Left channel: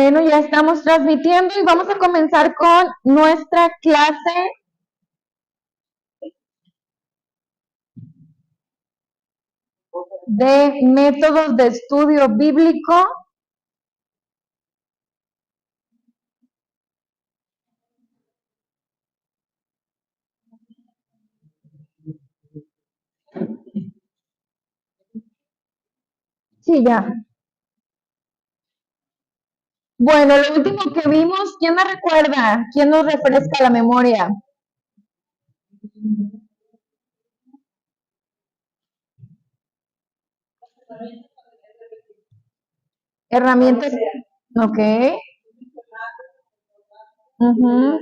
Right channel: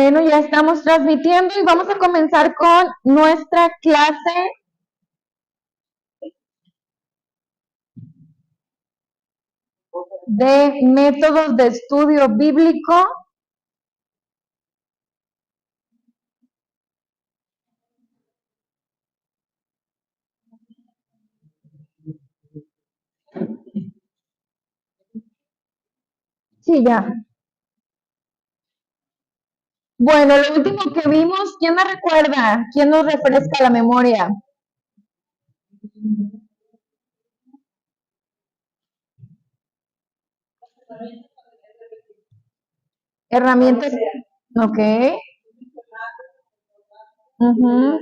Bueno, ya estamos transmitiendo y vamos a comenzar con nuestra clase de métodos de estudio bíblico. Sí, ya. Bueno, lo último que vimos, ¿quién me recuerda? ¿Quién nos refresca la memoria? Herramientas. Ok. Ujú.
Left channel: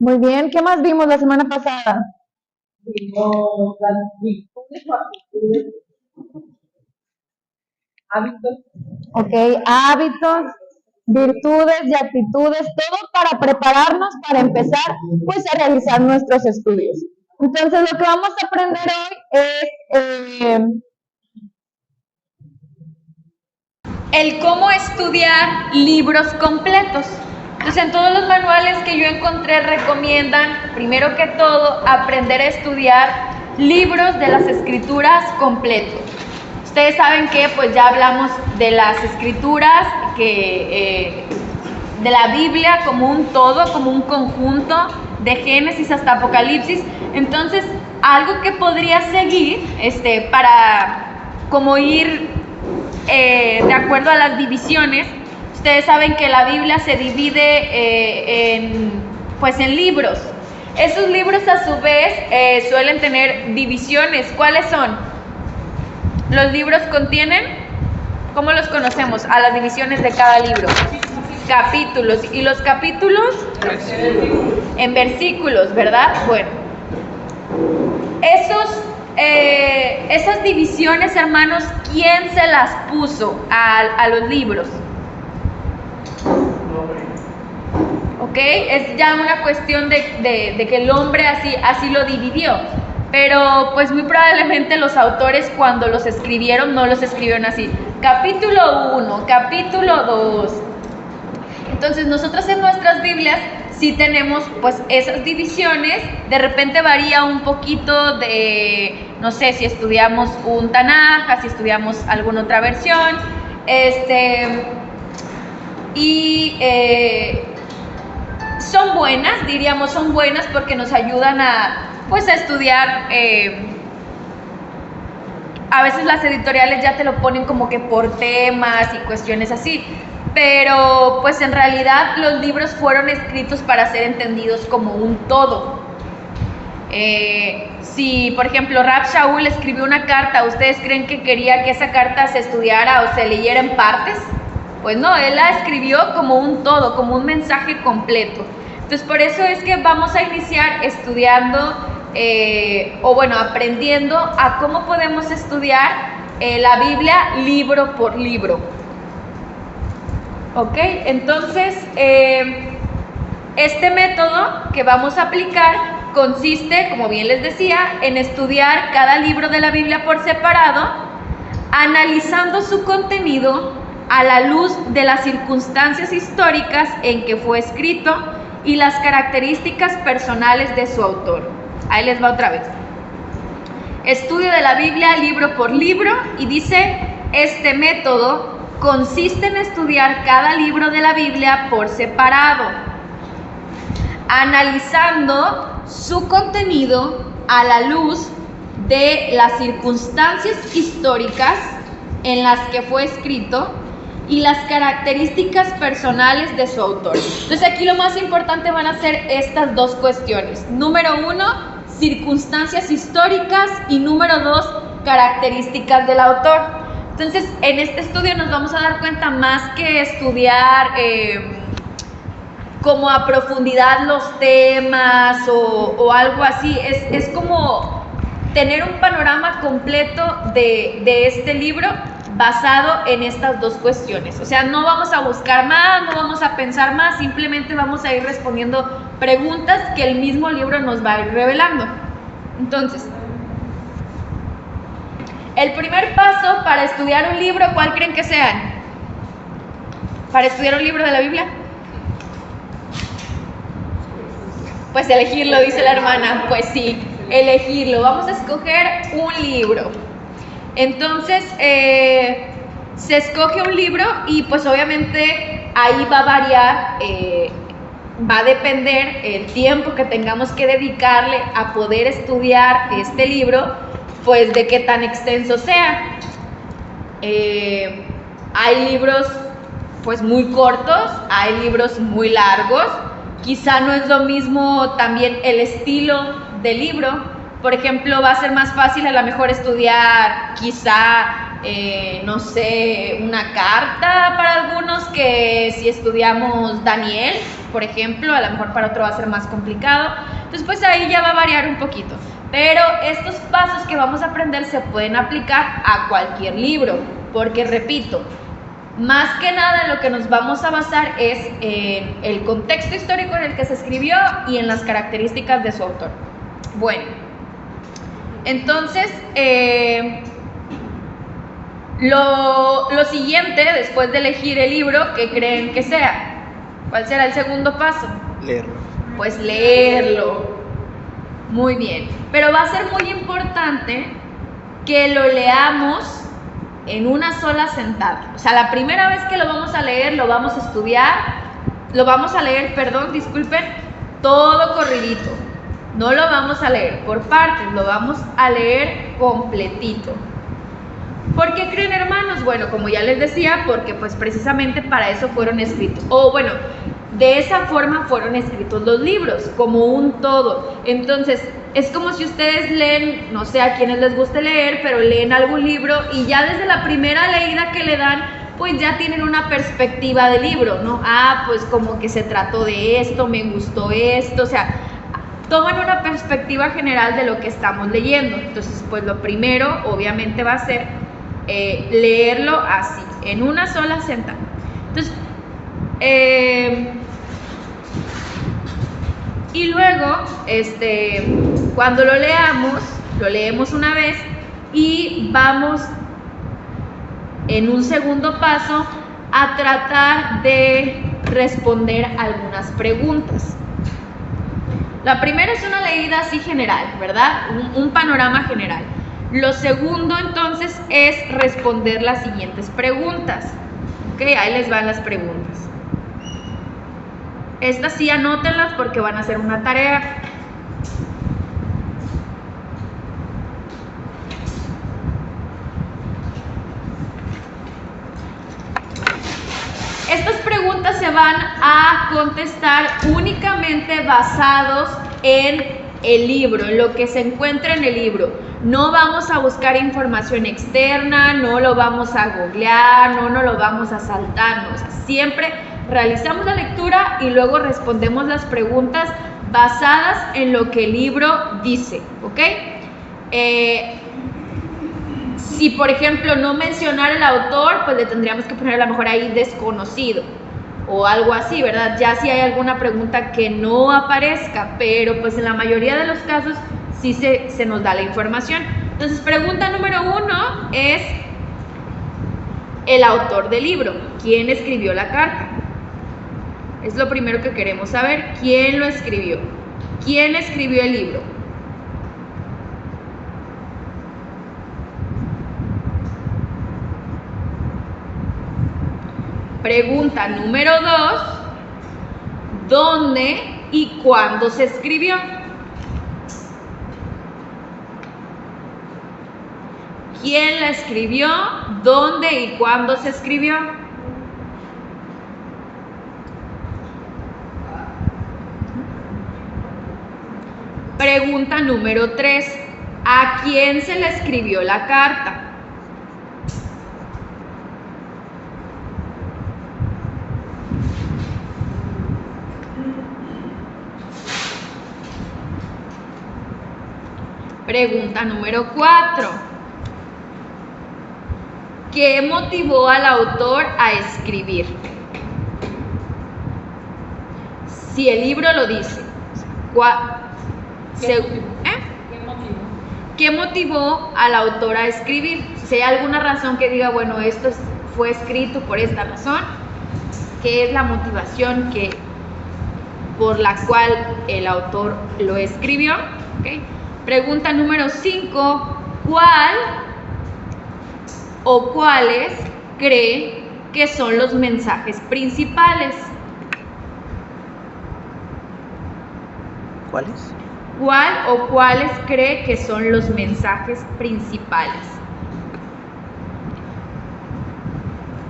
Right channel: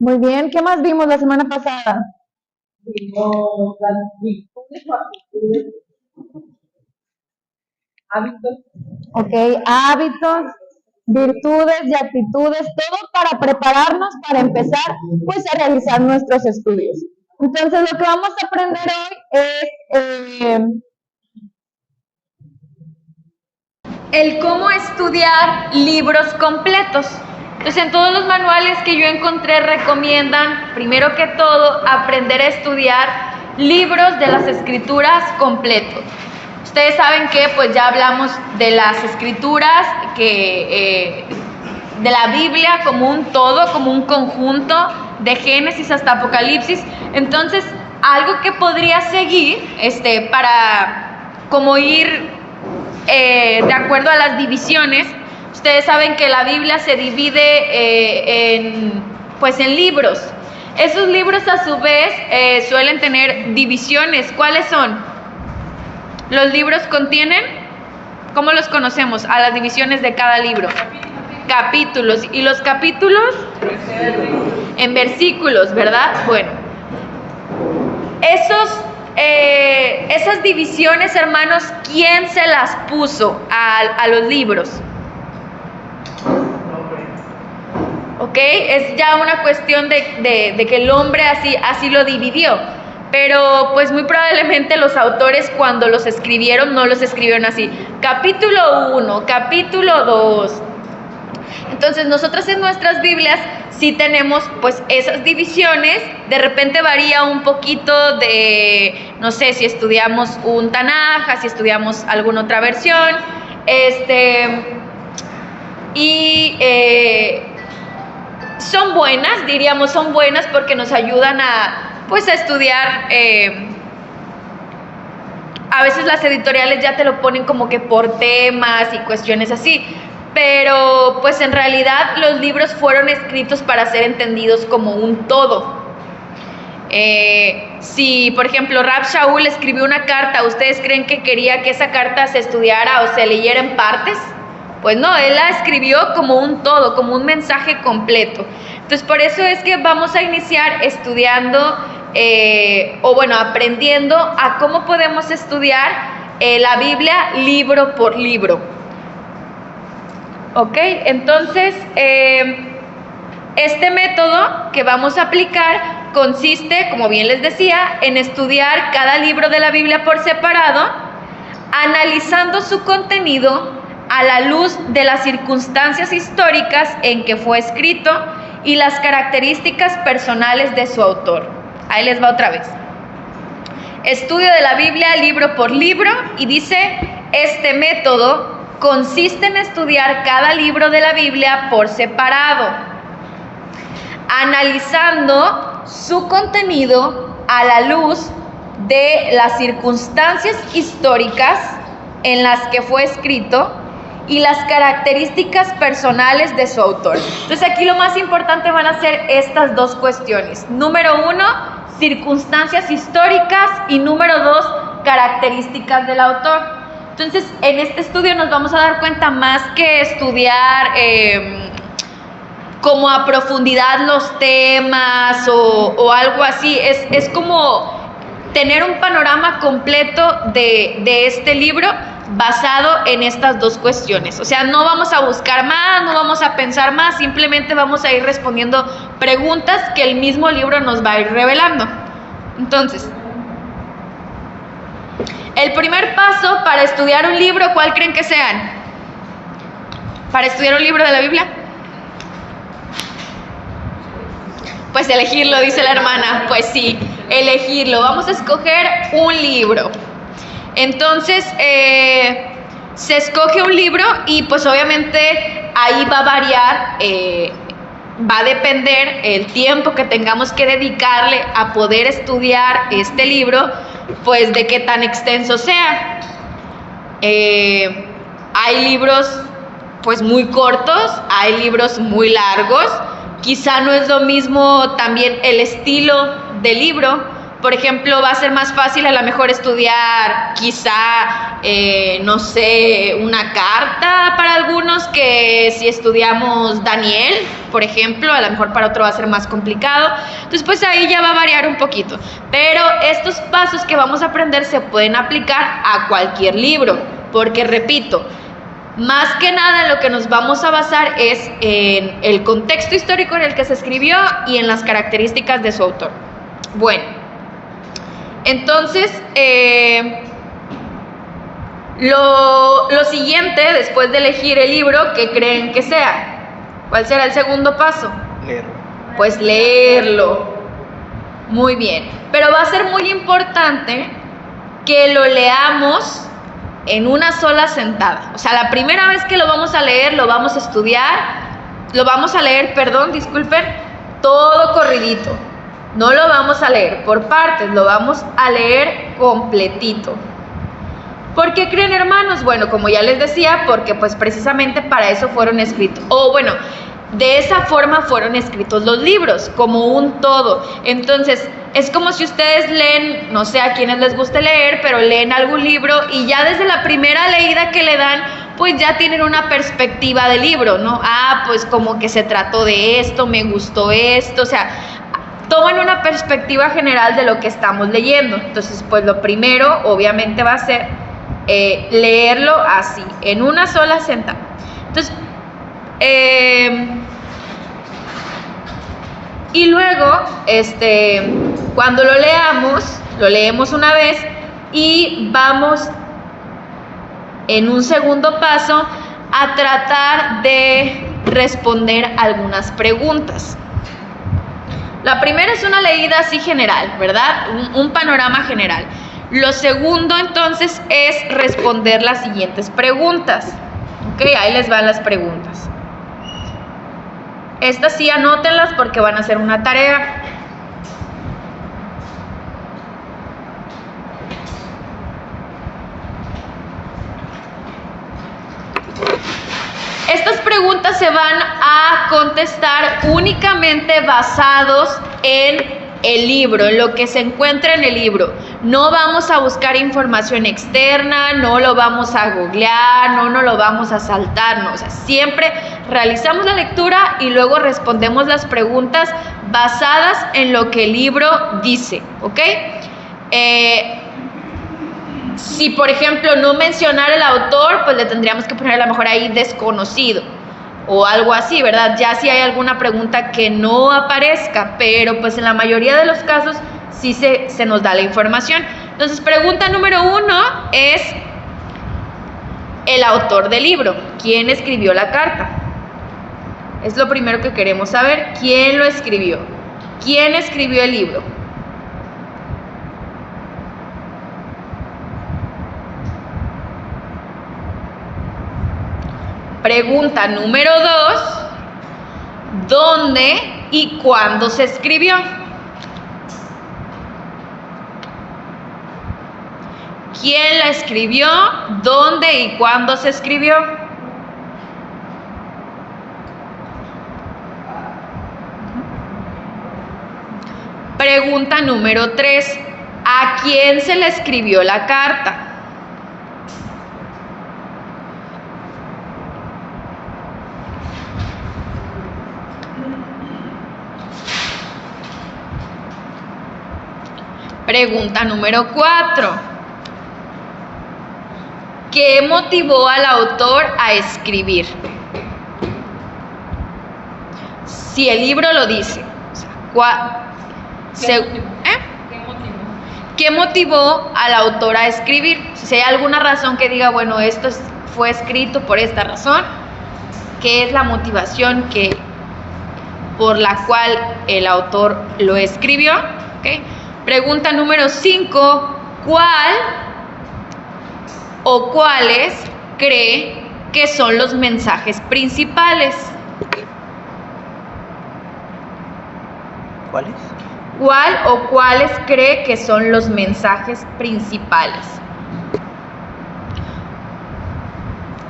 Muy bien. ¿Qué más vimos la semana pasada? Ok, hábitos, virtudes y actitudes, todo para prepararnos para empezar pues a realizar nuestros estudios. Entonces lo que vamos a aprender hoy es el cómo estudiar libros completos. Entonces, en todos los manuales que yo encontré recomiendan, primero que todo, aprender a estudiar libros de las escrituras completos. Ustedes saben que pues ya hablamos de las escrituras, de la Biblia como un todo, como un conjunto, de Génesis hasta Apocalipsis. Entonces, algo que podría seguir, para como ir de acuerdo a las divisiones. Ustedes saben que la Biblia se divide en libros. Esos libros a su vez suelen tener divisiones. ¿Cuáles son? Los libros contienen, ¿cómo los conocemos? A las divisiones de cada libro. Capítulos. ¿Y los capítulos? En versículos, ¿verdad? Bueno. Esas divisiones, hermanos, ¿quién se las puso a los libros? ¿Ok? Es ya una cuestión de que el hombre así lo dividió. Pero pues muy probablemente los autores cuando los escribieron no los escribieron así. Capítulo 1, capítulo 2. Entonces nosotros en nuestras Biblias sí tenemos pues esas divisiones. De repente varía un poquito de, no sé, si estudiamos un Tanaj, si estudiamos alguna otra versión, son buenas, diríamos, son buenas porque nos ayudan a estudiar. A veces las editoriales ya te lo ponen como que por temas y cuestiones así, pero pues en realidad los libros fueron escritos para ser entendidos como un todo. Si por ejemplo Rab Shaul escribió una carta, ¿ustedes creen que quería que esa carta se estudiara o se leyera en partes? Pues no, él la escribió como un todo, como un mensaje completo. Entonces por eso es que vamos a iniciar estudiando aprendiendo a cómo podemos estudiar la Biblia libro por libro. ¿Ok? Entonces, este método que vamos a aplicar consiste, como bien les decía, en estudiar cada libro de la Biblia por separado, analizando su contenido a la luz de las circunstancias históricas en que fue escrito y las características personales de su autor. Ahí les va otra vez. Estudio de la Biblia libro por libro, y dice, este método consiste en estudiar cada libro de la Biblia por separado, analizando su contenido a la luz de las circunstancias históricas en las que fue escrito y las características personales de su autor. Entonces aquí lo más importante van a ser estas dos cuestiones. Número 1, circunstancias históricas, y número 2, características del autor. Entonces en este estudio nos vamos a dar cuenta, más que estudiar como a profundidad los temas o algo así, es como tener un panorama completo de este libro basado en estas dos cuestiones. O sea, no vamos a buscar más, no vamos a pensar más, simplemente vamos a ir respondiendo preguntas que el mismo libro nos va a ir revelando. Entonces, El primer paso para estudiar un libro, ¿cuál creen que sean? ¿Para estudiar un libro de la Biblia? Pues elegirlo, dice la hermana. Pues sí, elegirlo. Vamos a escoger un libro. Entonces, se escoge un libro y pues obviamente ahí va a variar, va a depender el tiempo que tengamos que dedicarle a poder estudiar este libro, pues de qué tan extenso sea. Hay libros pues muy cortos, hay libros muy largos, quizá no es lo mismo también el estilo del libro. Por ejemplo, va a ser más fácil a lo mejor estudiar quizá, no sé, una carta para algunos que si estudiamos Daniel, por ejemplo, a lo mejor para otro va a ser más complicado. Entonces, pues ahí ya va a variar un poquito. Pero estos pasos que vamos a aprender se pueden aplicar a cualquier libro, porque repito, más que nada lo que nos vamos a basar es en el contexto histórico en el que se escribió y en las características de su autor. Bueno, entonces, lo siguiente, después de elegir el libro, ¿qué creen que sea? ¿Cuál será el segundo paso? Leerlo. Pues leerlo. Muy bien. Pero va a ser muy importante que lo leamos en una sola sentada. O sea, la primera vez que lo vamos a leer, lo vamos a estudiar, lo vamos a leer, disculpen, todo corridito. No lo vamos a leer por partes, lo vamos a leer completito. ¿Por qué creen, hermanos? Bueno, como ya les decía, porque pues precisamente para eso fueron escritos. O bueno, de esa forma fueron escritos los libros, como un todo. Entonces, es como si ustedes leen, no sé a quienes les guste leer, pero leen algún libro y ya desde la primera leída que le dan, pues ya tienen una perspectiva del libro, ¿no? Ah, pues como que se trató de esto, me gustó esto, o sea, toman una perspectiva general de lo que estamos leyendo. Entonces, pues lo primero, obviamente, va a ser leerlo así, en una sola sentada. Entonces, y luego, cuando lo leemos una vez y vamos en un segundo paso a tratar de responder algunas preguntas. La primera es una leída así general, ¿verdad? Un panorama general. Lo segundo, entonces, es responder las siguientes preguntas. Ok, ahí les van las preguntas. Estas sí anótenlas porque van a ser una tarea. Estas preguntas se van a contestar únicamente basados en el libro, en lo que se encuentra en el libro. No vamos a buscar información externa, no lo vamos a googlear, no lo vamos a saltar, no. O sea, siempre realizamos la lectura y luego respondemos las preguntas basadas en lo que el libro dice, ¿ok? Si, por ejemplo, no mencionara el autor, pues le tendríamos que poner a lo mejor ahí desconocido o algo así, ¿verdad? Ya si hay alguna pregunta que no aparezca, pero pues en la mayoría de los casos sí se nos da la información. Entonces, pregunta número 1 es el autor del libro. ¿Quién escribió la carta? Es lo primero que queremos saber. ¿Quién lo escribió? ¿Quién escribió el libro? Pregunta número 2, ¿dónde y cuándo se escribió? ¿Quién la escribió? ¿Dónde y cuándo se escribió? Pregunta número 3, ¿a quién se le escribió la carta? Pregunta número 4. ¿Qué motivó al autor a escribir? Si el libro lo dice. ¿Qué motivo? ¿qué motivó al autor a escribir? Si hay alguna razón que diga, bueno, fue escrito por esta razón, ¿qué es la motivación por la cual el autor lo escribió? ¿Okay? Pregunta número 5, ¿cuál o cuáles cree que son los mensajes principales? ¿Cuáles? ¿Cuál o cuáles cree que son los mensajes principales?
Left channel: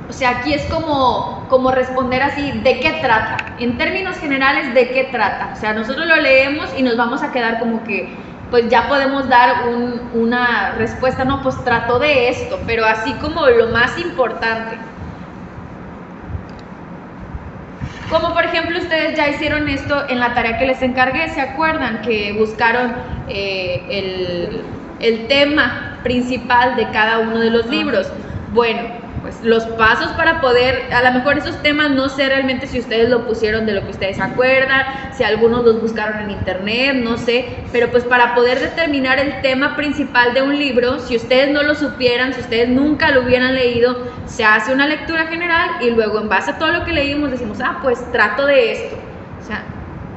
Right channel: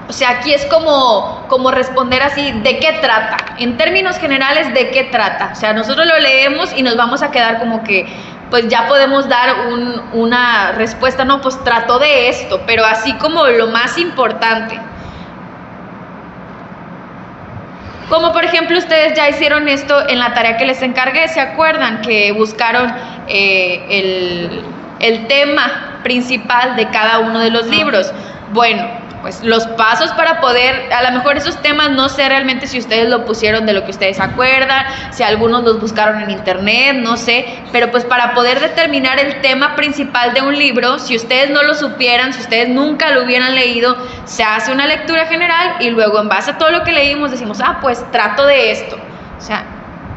O sea, aquí es como responder así, ¿de qué trata? En términos generales, ¿de qué trata? O sea, nosotros lo leemos y nos vamos a quedar como que, pues ya podemos dar una respuesta, no, pues trató de esto, pero así como lo más importante. Como por ejemplo ustedes ya hicieron esto en la tarea que les encargué, ¿se acuerdan? Que buscaron el tema principal de cada uno de los libros. Bueno, pues los pasos para poder, a lo mejor esos temas no sé realmente si ustedes lo pusieron de lo que ustedes se acuerdan, si algunos los buscaron en internet, no sé, pero pues para poder determinar el tema principal de un libro, si ustedes no lo supieran, si ustedes nunca lo hubieran leído, se hace una lectura general y luego en base a todo lo que leímos decimos, pues trato de esto. O sea,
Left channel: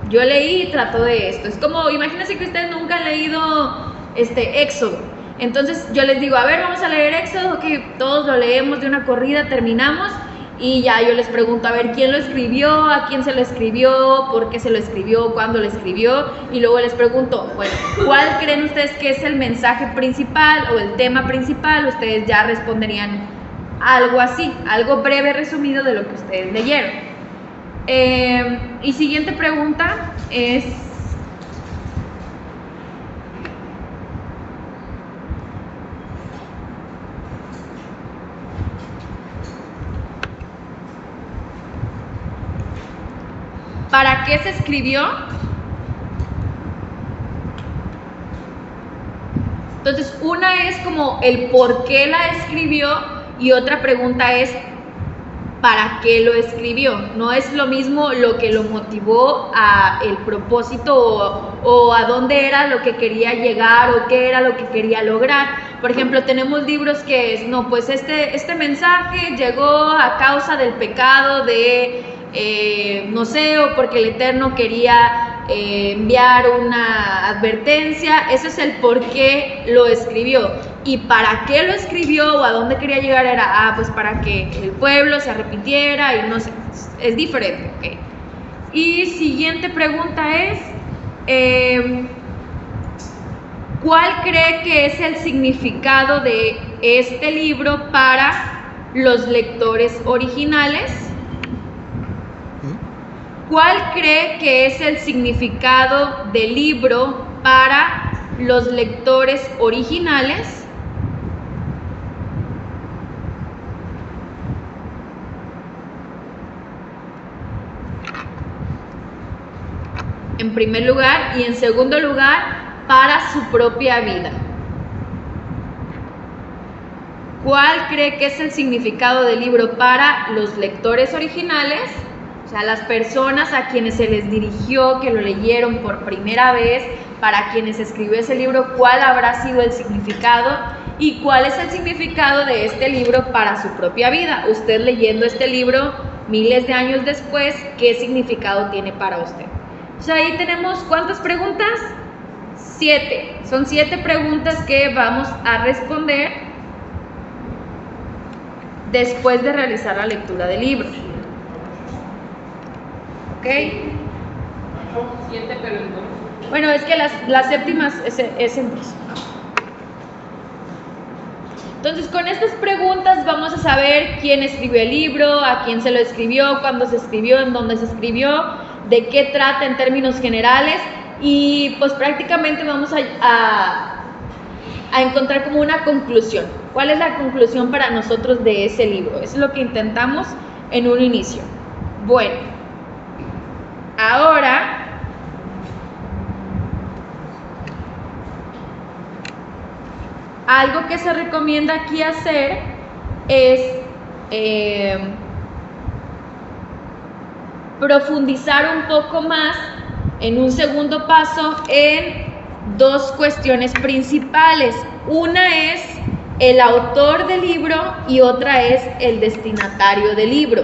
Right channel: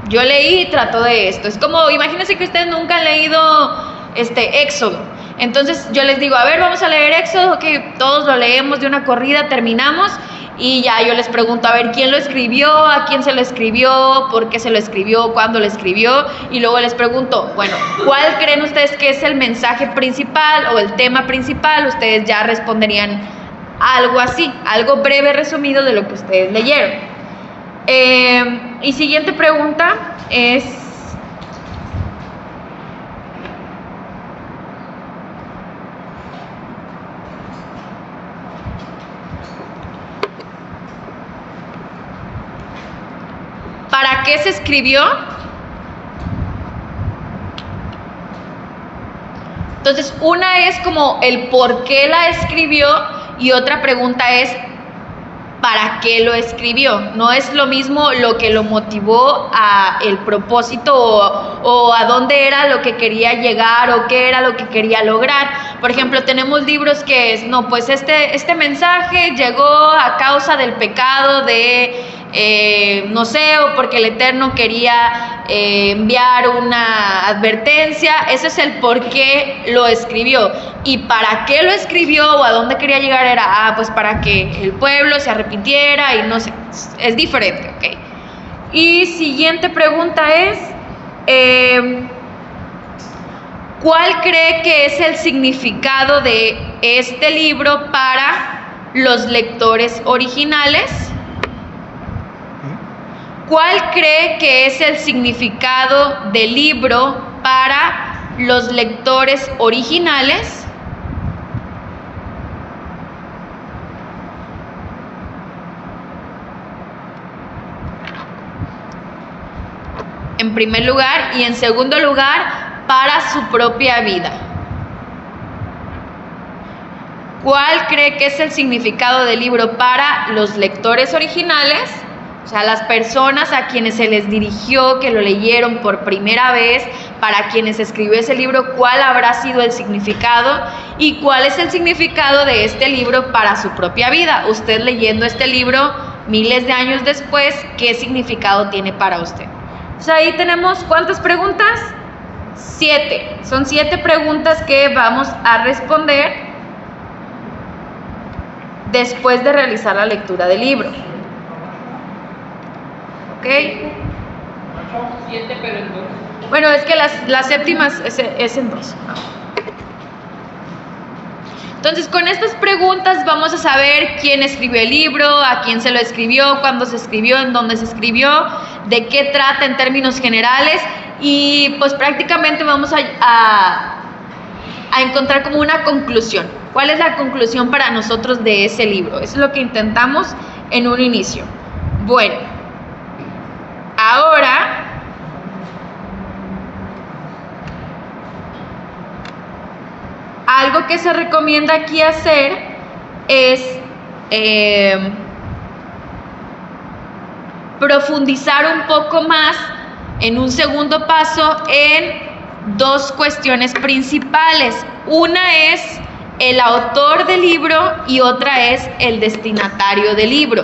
yo leí y trato de esto. Es como, imagínense que ustedes nunca han leído Éxodo. Entonces yo les digo, a ver, vamos a leer Éxodo, ok, todos lo leemos de una corrida, terminamos y ya yo les pregunto, a ver, ¿quién lo escribió? ¿A quién se lo escribió? ¿Por qué se lo escribió? ¿Cuándo lo escribió? Y luego les pregunto, bueno, ¿cuál creen ustedes que es el mensaje principal o el tema principal? Ustedes ya responderían algo así, algo breve resumido de lo que ustedes leyeron. Y siguiente pregunta es... ¿para qué se escribió? Entonces, una es como el por qué la escribió y otra pregunta es ¿para qué lo escribió? No es lo mismo lo que lo motivó a el propósito o a dónde era lo que quería llegar o qué era lo que quería lograr. Por ejemplo, tenemos libros que es, no, pues este mensaje llegó a causa del pecado de, no sé, o porque el Eterno quería enviar una advertencia. Ese es el por qué lo escribió. Y para qué lo escribió o a dónde quería llegar era, pues para que el pueblo se arrepintiera y no sé, es diferente, ¿ok? Y siguiente pregunta es, ¿cuál cree que es el significado de este libro para los lectores originales? ¿Cuál cree que es el significado del libro para los lectores originales? En primer lugar, y en segundo lugar, para su propia vida. ¿Cuál cree que es el significado del libro para los lectores originales? O sea, las personas a quienes se les dirigió, que lo leyeron por primera vez, para quienes escribió ese libro, ¿cuál habrá sido el significado? ¿Y cuál es el significado de este libro para su propia vida? Usted leyendo este libro miles de años después, ¿qué significado tiene para usted? O sea, ahí tenemos, ¿cuántas preguntas? 7. Son 7 preguntas que vamos a responder después de realizar la lectura del libro. ¿Ok? 7, pero en 2. Bueno, es que las séptimas es en 2. Entonces, con estas preguntas vamos a saber quién escribió el libro, a quién se lo escribió, cuándo se escribió, en dónde se escribió, de qué trata en términos generales y pues prácticamente vamos a encontrar como una conclusión. ¿Cuál es la conclusión para nosotros de ese libro? Eso es lo que intentamos en un inicio. Bueno, ahora algo que se recomienda aquí hacer es profundizar un poco más en un segundo paso en dos cuestiones principales. Una es el autor del libro y otra es el destinatario del libro.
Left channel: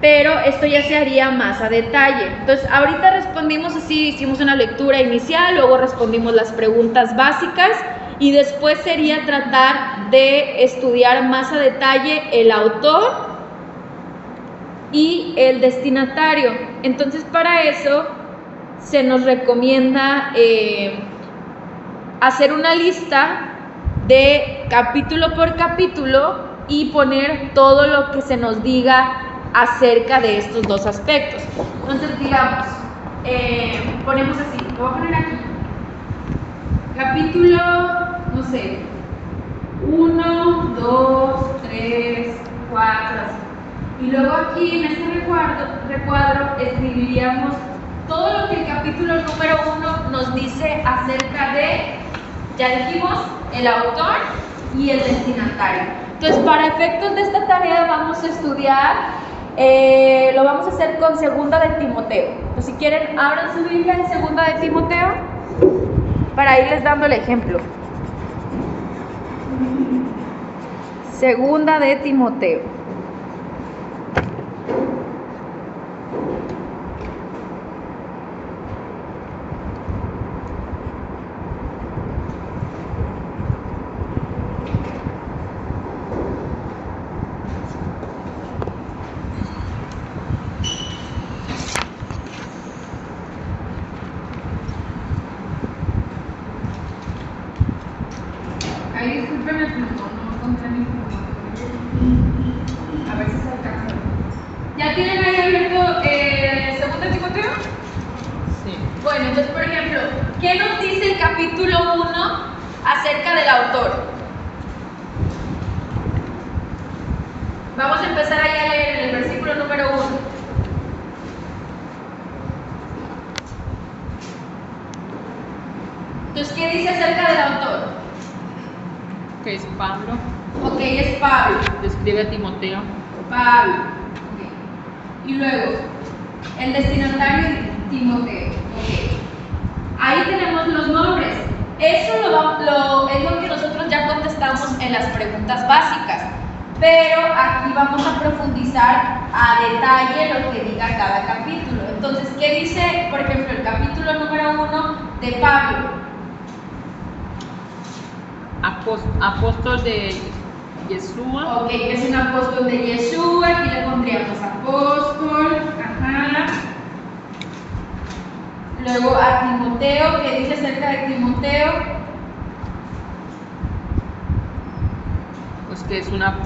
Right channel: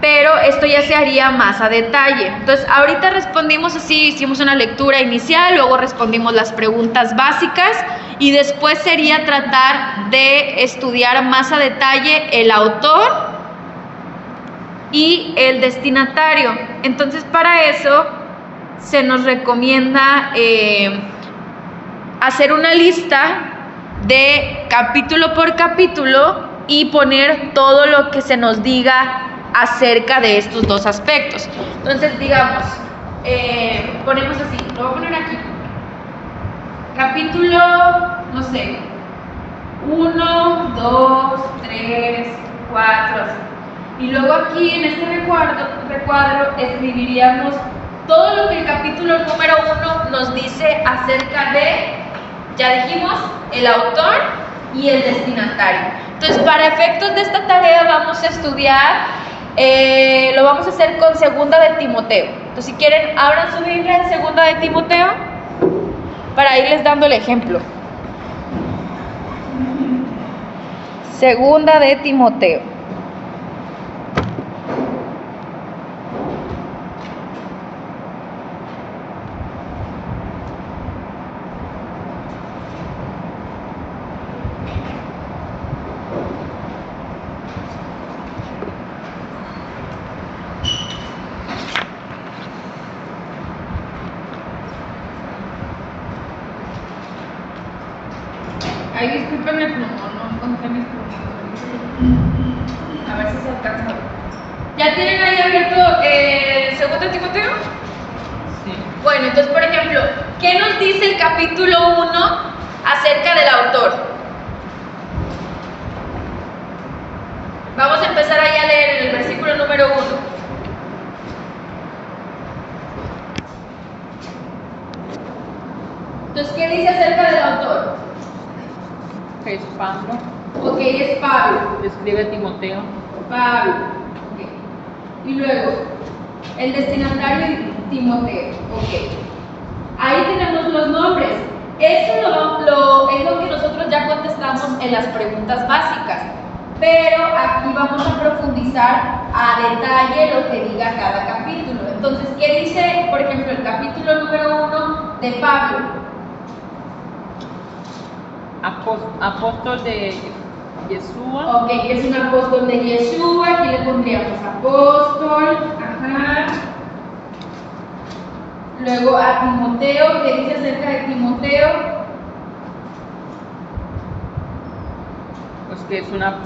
Pero esto ya se haría más a detalle. Entonces, ahorita respondimos así, hicimos una lectura inicial, luego respondimos las preguntas básicas y después sería tratar de estudiar más a detalle el autor y el destinatario. Entonces, para eso se nos recomienda hacer una lista de capítulo por capítulo y poner todo lo que se nos diga acerca de estos dos aspectos. Entonces, digamos, ponemos así, lo voy a poner aquí. Capítulo, no sé, 1, 2, 3, 4, así. Y luego aquí en este recuadro escribiríamos todo lo que el capítulo número 1 nos dice acerca de, ya dijimos, el autor y el destinatario. Entonces, para efectos de esta tarea vamos a estudiar, lo vamos a hacer con Segunda de Timoteo. Entonces, si quieren, abran su Biblia en Segunda de Timoteo para irles dando el ejemplo. Segunda de Timoteo. Ay, disculpen el plumón, no encontré mi plumón. A ver si se alcanza. ¿Ya tienen ahí abierto Segundo Timoteo? Sí. Bueno, entonces, por ejemplo, ¿qué nos dice el capítulo 1 acerca del autor? Vamos a empezar ahí a leer en el versículo número 1. Entonces, ¿qué dice acerca del autor? Que es Pablo. Ok, es Pablo. Describe a Timoteo. Pablo. Okay. Y luego, el destinatario es Timoteo. Ok. Ahí tenemos los nombres. Eso es lo que nosotros ya contestamos en las preguntas básicas. Pero aquí vamos a profundizar a detalle lo que diga cada capítulo. Entonces, ¿qué dice, por ejemplo, el capítulo número 1 de Pablo? Apóstol de Yeshua. Ok, es un apóstol de Yeshua. Aquí le pondríamos apóstol. Ajá. Luego a Timoteo, ¿qué dice acerca de Timoteo? Pues que es una...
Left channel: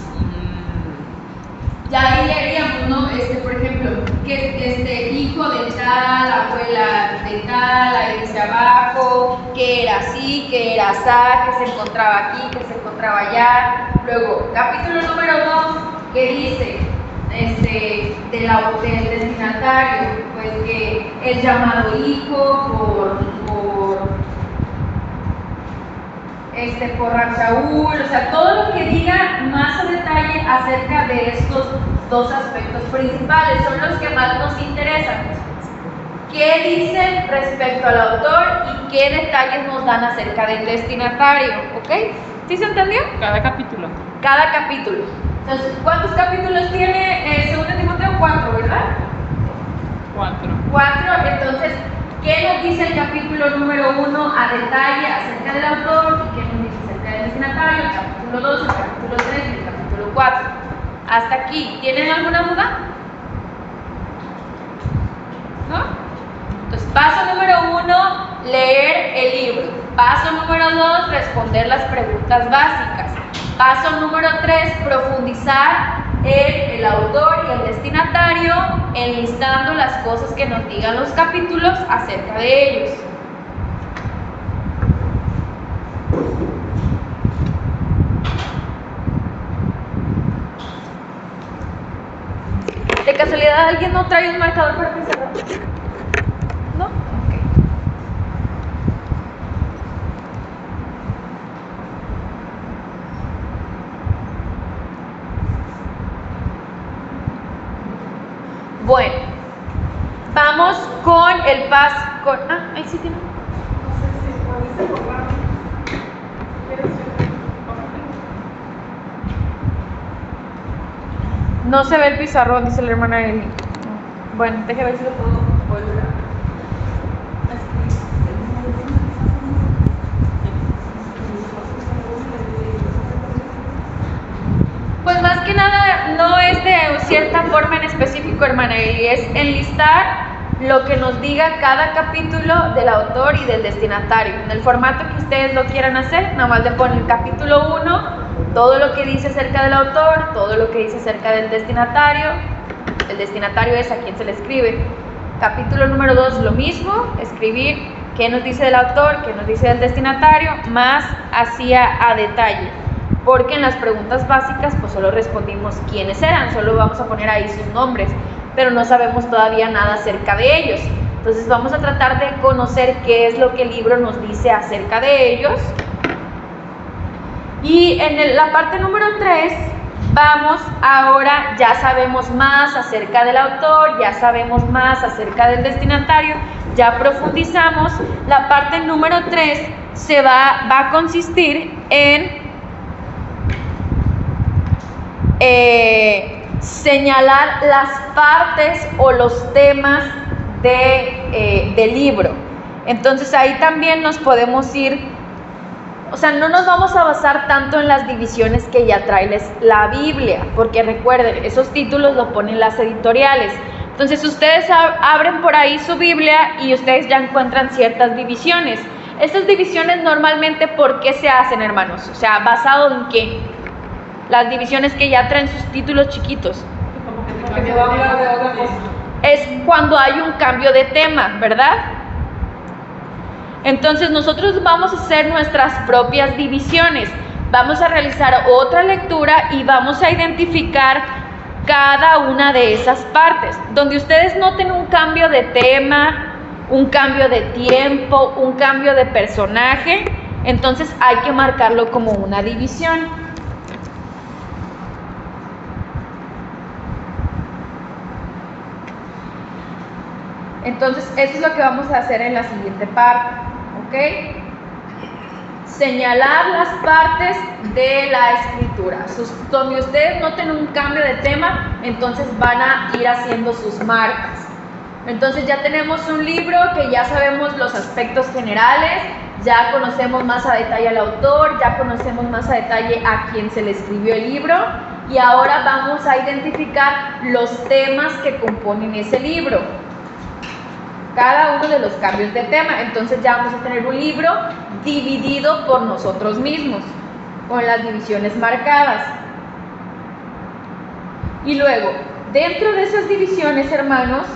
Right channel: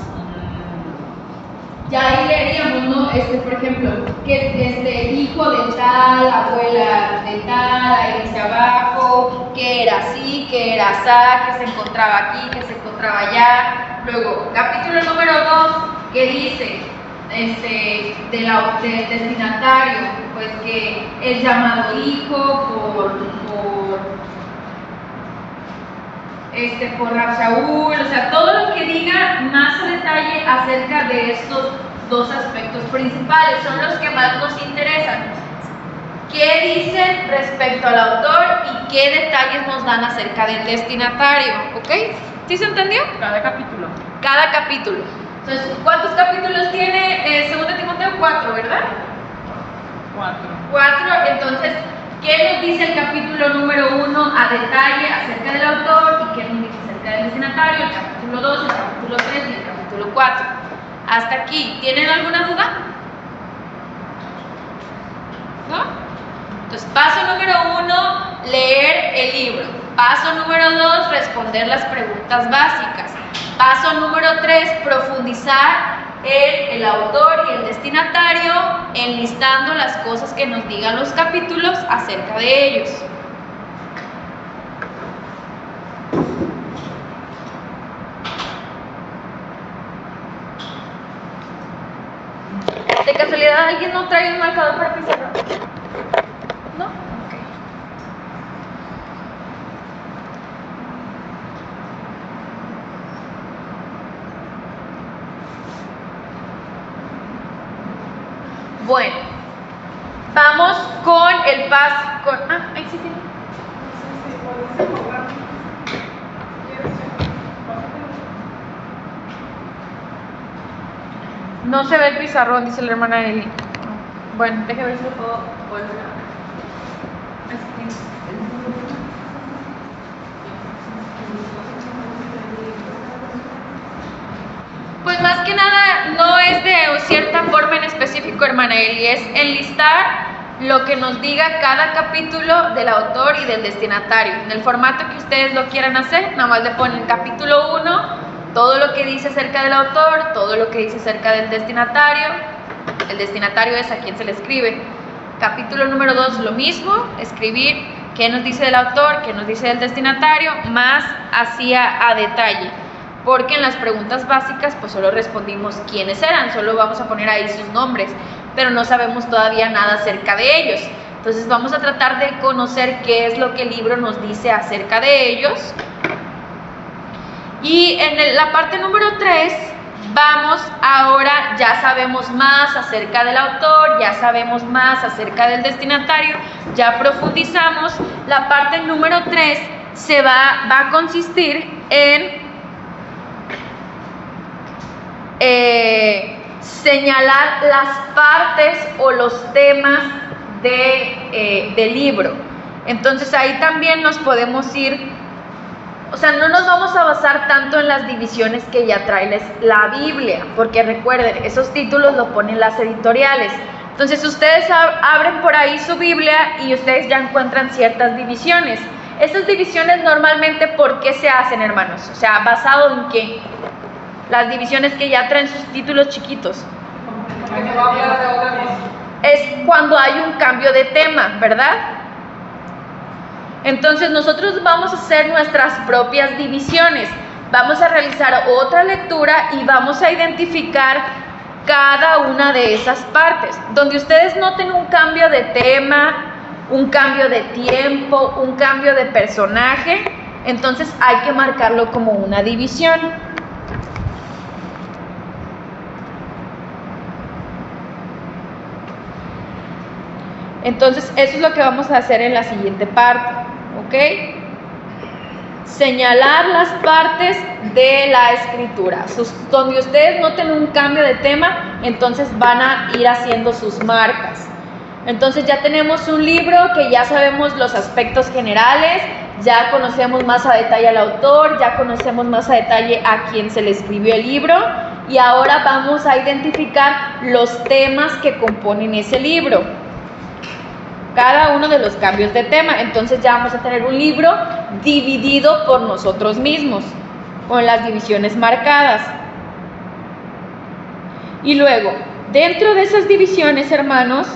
Ya ahí leeríamos, ¿no? Por ejemplo, que hijo de tal, abuela de tal, ahí dice abajo, que era así, que era asá, que se encontraba aquí, que se encontraba allá. Luego, capítulo número 2, que dice del destinatario, pues que es llamado hijo por Saúl, o sea, todo lo que diga más a detalle acerca de estos dos aspectos principales son los que más nos interesan. ¿Qué dicen respecto al autor y qué detalles nos dan acerca del destinatario? ¿Ok? ¿Sí se entendió? Cada capítulo. Cada capítulo. Entonces, ¿cuántos capítulos tiene Segunda Timoteo? 4, ¿verdad? 4. Entonces, ¿qué nos dice el capítulo número 1 a detalle acerca del autor y qué nos dice acerca del destinatario? El capítulo 2, el capítulo 3 y el capítulo 4. Hasta aquí. ¿Tienen alguna duda? ¿No? Entonces, paso número 1, leer el libro. Paso número 2, responder las preguntas básicas. Paso número 3, profundizar en el autor y el destinatario, enlistando las cosas que nos digan los capítulos acerca de ellos. ¿De casualidad alguien no trae un marcador para pizarra? ¿No? Ok. Bueno, Vamos con el paso. Ahí sí tiene. No se ve el pizarrón, dice la hermana Eli. Bueno, déjame ver si lo puedo volver. Pues más que nada no es de cierta forma en específico, hermana Eli, es enlistar lo que nos diga cada capítulo del autor y del destinatario. En el formato que ustedes lo quieran hacer, nada más le ponen capítulo 1, todo lo que dice acerca del autor, todo lo que dice acerca del destinatario. El destinatario es a quien se le escribe. Capítulo número 2, lo mismo, escribir qué nos dice del autor, qué nos dice del destinatario, más hacia a detalle. Porque en las preguntas básicas pues solo respondimos quiénes eran, solo vamos a poner ahí sus nombres, pero no sabemos todavía nada acerca de ellos. Entonces vamos a tratar de conocer qué es lo que el libro nos dice acerca de ellos. Y en la parte número 3 vamos ahora, ya sabemos más acerca del autor, ya sabemos más acerca del destinatario, ya profundizamos. La parte número 3 va a consistir en señalar las partes o los temas del libro. Entonces ahí también nos podemos ir, o sea, no nos vamos a basar tanto en las divisiones que ya trae la Biblia, porque recuerden, esos títulos lo ponen las editoriales. Entonces ustedes abren por ahí su Biblia y ustedes ya encuentran ciertas divisiones. Estas divisiones normalmente, ¿por qué se hacen, hermanos? O sea, ¿basado en qué? Las divisiones que ya traen sus títulos chiquitos. Es cuando hay un cambio de tema, ¿verdad? Entonces nosotros vamos a hacer nuestras propias divisiones. Vamos a realizar otra lectura y vamos a identificar cada una de esas partes. Donde ustedes noten un cambio de tema, un cambio de tiempo, un cambio de personaje, entonces hay que marcarlo como una división. Entonces, eso es lo que vamos a hacer en la siguiente parte, ¿ok? Señalar las partes de la escritura. Donde ustedes noten un cambio de tema, entonces van a ir haciendo sus marcas. Entonces ya tenemos un libro que ya sabemos los aspectos generales, ya conocemos más a detalle al autor, ya conocemos más a detalle a quien se le escribió el libro, y ahora vamos a identificar los temas que componen ese libro. Cada uno de los cambios de tema. Entonces ya vamos a tener un libro dividido por nosotros mismos, con las divisiones marcadas. Y luego, dentro de esas divisiones, hermanos,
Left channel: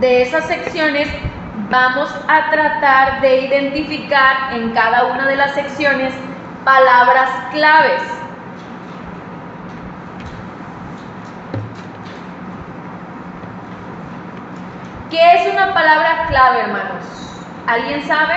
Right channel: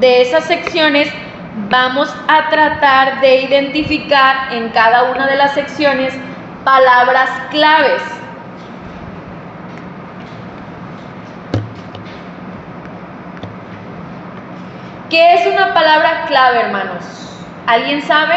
de esas secciones, vamos a tratar de identificar en cada una de las secciones palabras claves. ¿Qué es una palabra clave, hermanos? ¿Alguien sabe?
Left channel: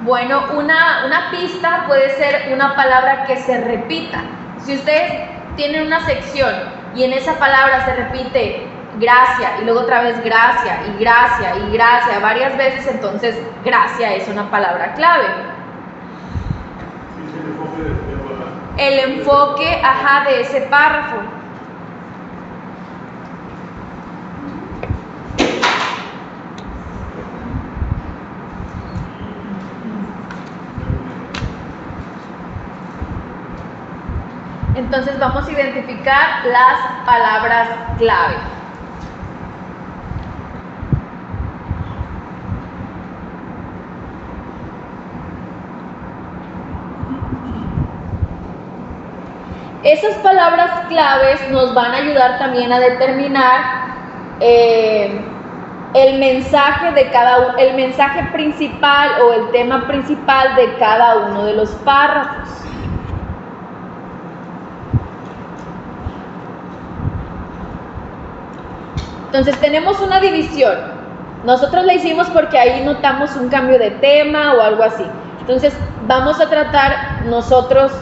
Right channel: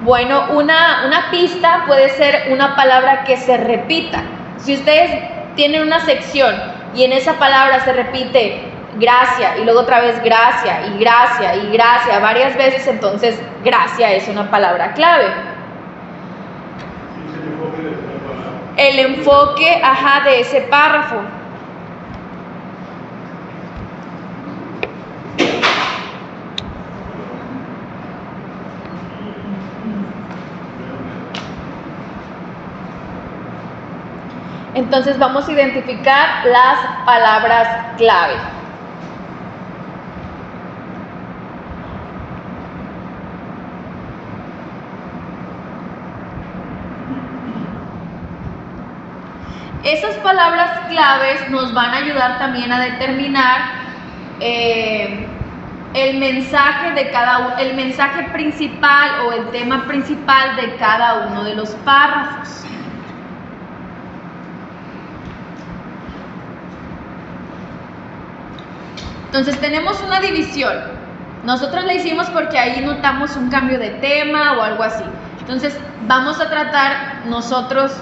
Bueno, una pista puede ser una palabra que se repita. Si ustedes tienen una sección y en esa palabra se repite gracia y luego otra vez gracia y gracia y gracia varias veces, entonces gracia es una palabra clave. El enfoque, de ese párrafo. Entonces vamos a identificar las palabras clave. Esas palabras claves nos van a ayudar también a determinar el mensaje el mensaje principal o el tema principal de cada uno de los párrafos. Entonces tenemos una división. Nosotros la hicimos porque ahí notamos un cambio de tema o algo así. Entonces, vamos a tratar nosotros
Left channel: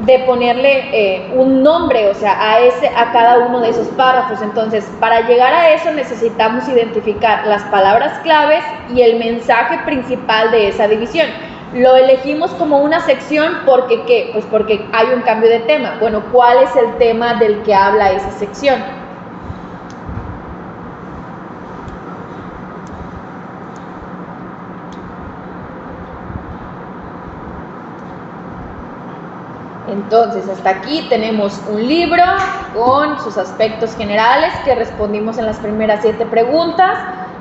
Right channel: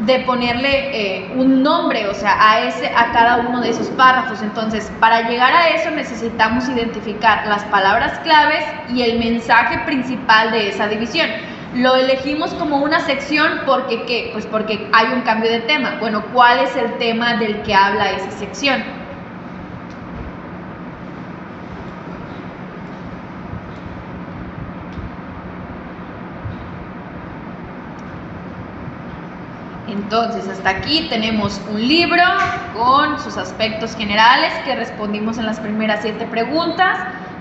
de ponerle un nombre, o sea, a cada uno de esos párrafos. Entonces, para llegar a eso necesitamos identificar las palabras claves y el mensaje principal de esa división. Lo elegimos como una sección porque ¿qué? Pues porque hay un cambio de tema. Bueno, ¿cuál es el tema del que habla esa sección? Entonces, hasta aquí tenemos un libro con sus aspectos generales que respondimos en las primeras 7 preguntas.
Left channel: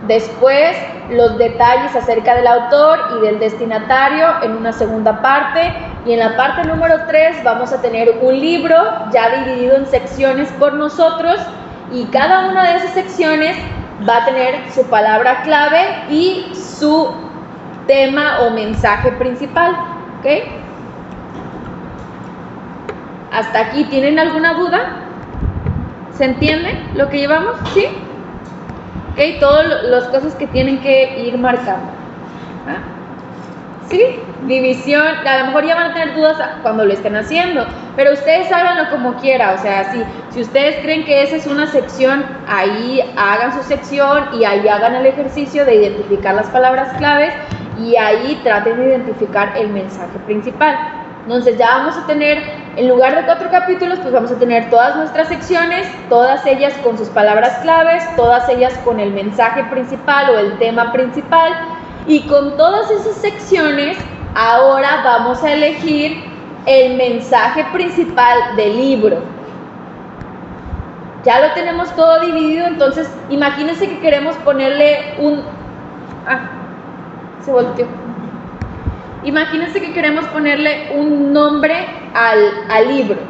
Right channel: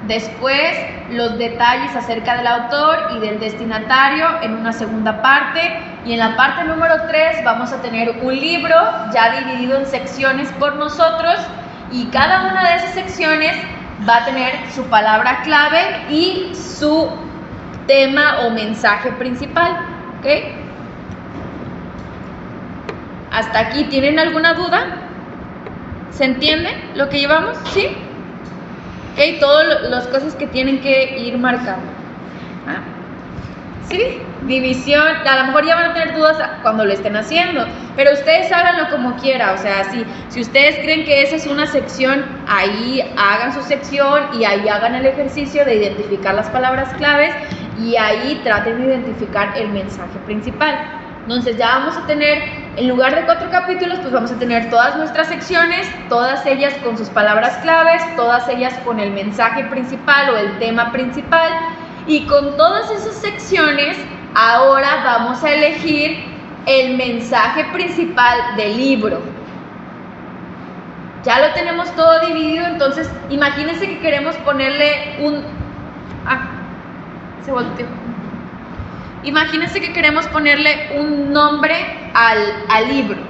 Después, los detalles acerca del autor y del destinatario en una segunda parte. Y en la parte número 3 vamos a tener un libro ya dividido en secciones por nosotros. Y cada una de esas secciones va a tener su palabra clave y su tema o mensaje principal. ¿Ok? ¿Hasta aquí tienen alguna duda? ¿Se entiende lo que llevamos? ¿Sí? Ok, todas las cosas que tienen que ir marcando. ¿Ah? ¿Sí? División, a lo mejor ya van a tener dudas cuando lo estén haciendo, pero ustedes háganlo como quiera, o sea, si ustedes creen que esa es una sección, ahí hagan su sección y ahí hagan el ejercicio de identificar las palabras claves y ahí traten de identificar el mensaje principal. Entonces ya vamos a tener, en lugar de 4 capítulos, pues vamos a tener todas nuestras secciones, todas ellas con sus palabras claves, todas ellas con el mensaje principal o el tema principal. Y con todas esas secciones, ahora vamos a elegir el mensaje principal del libro. Ya lo tenemos todo dividido, entonces imagínense que queremos ponerle se volteó. Imagínense que queremos ponerle un nombre al libro.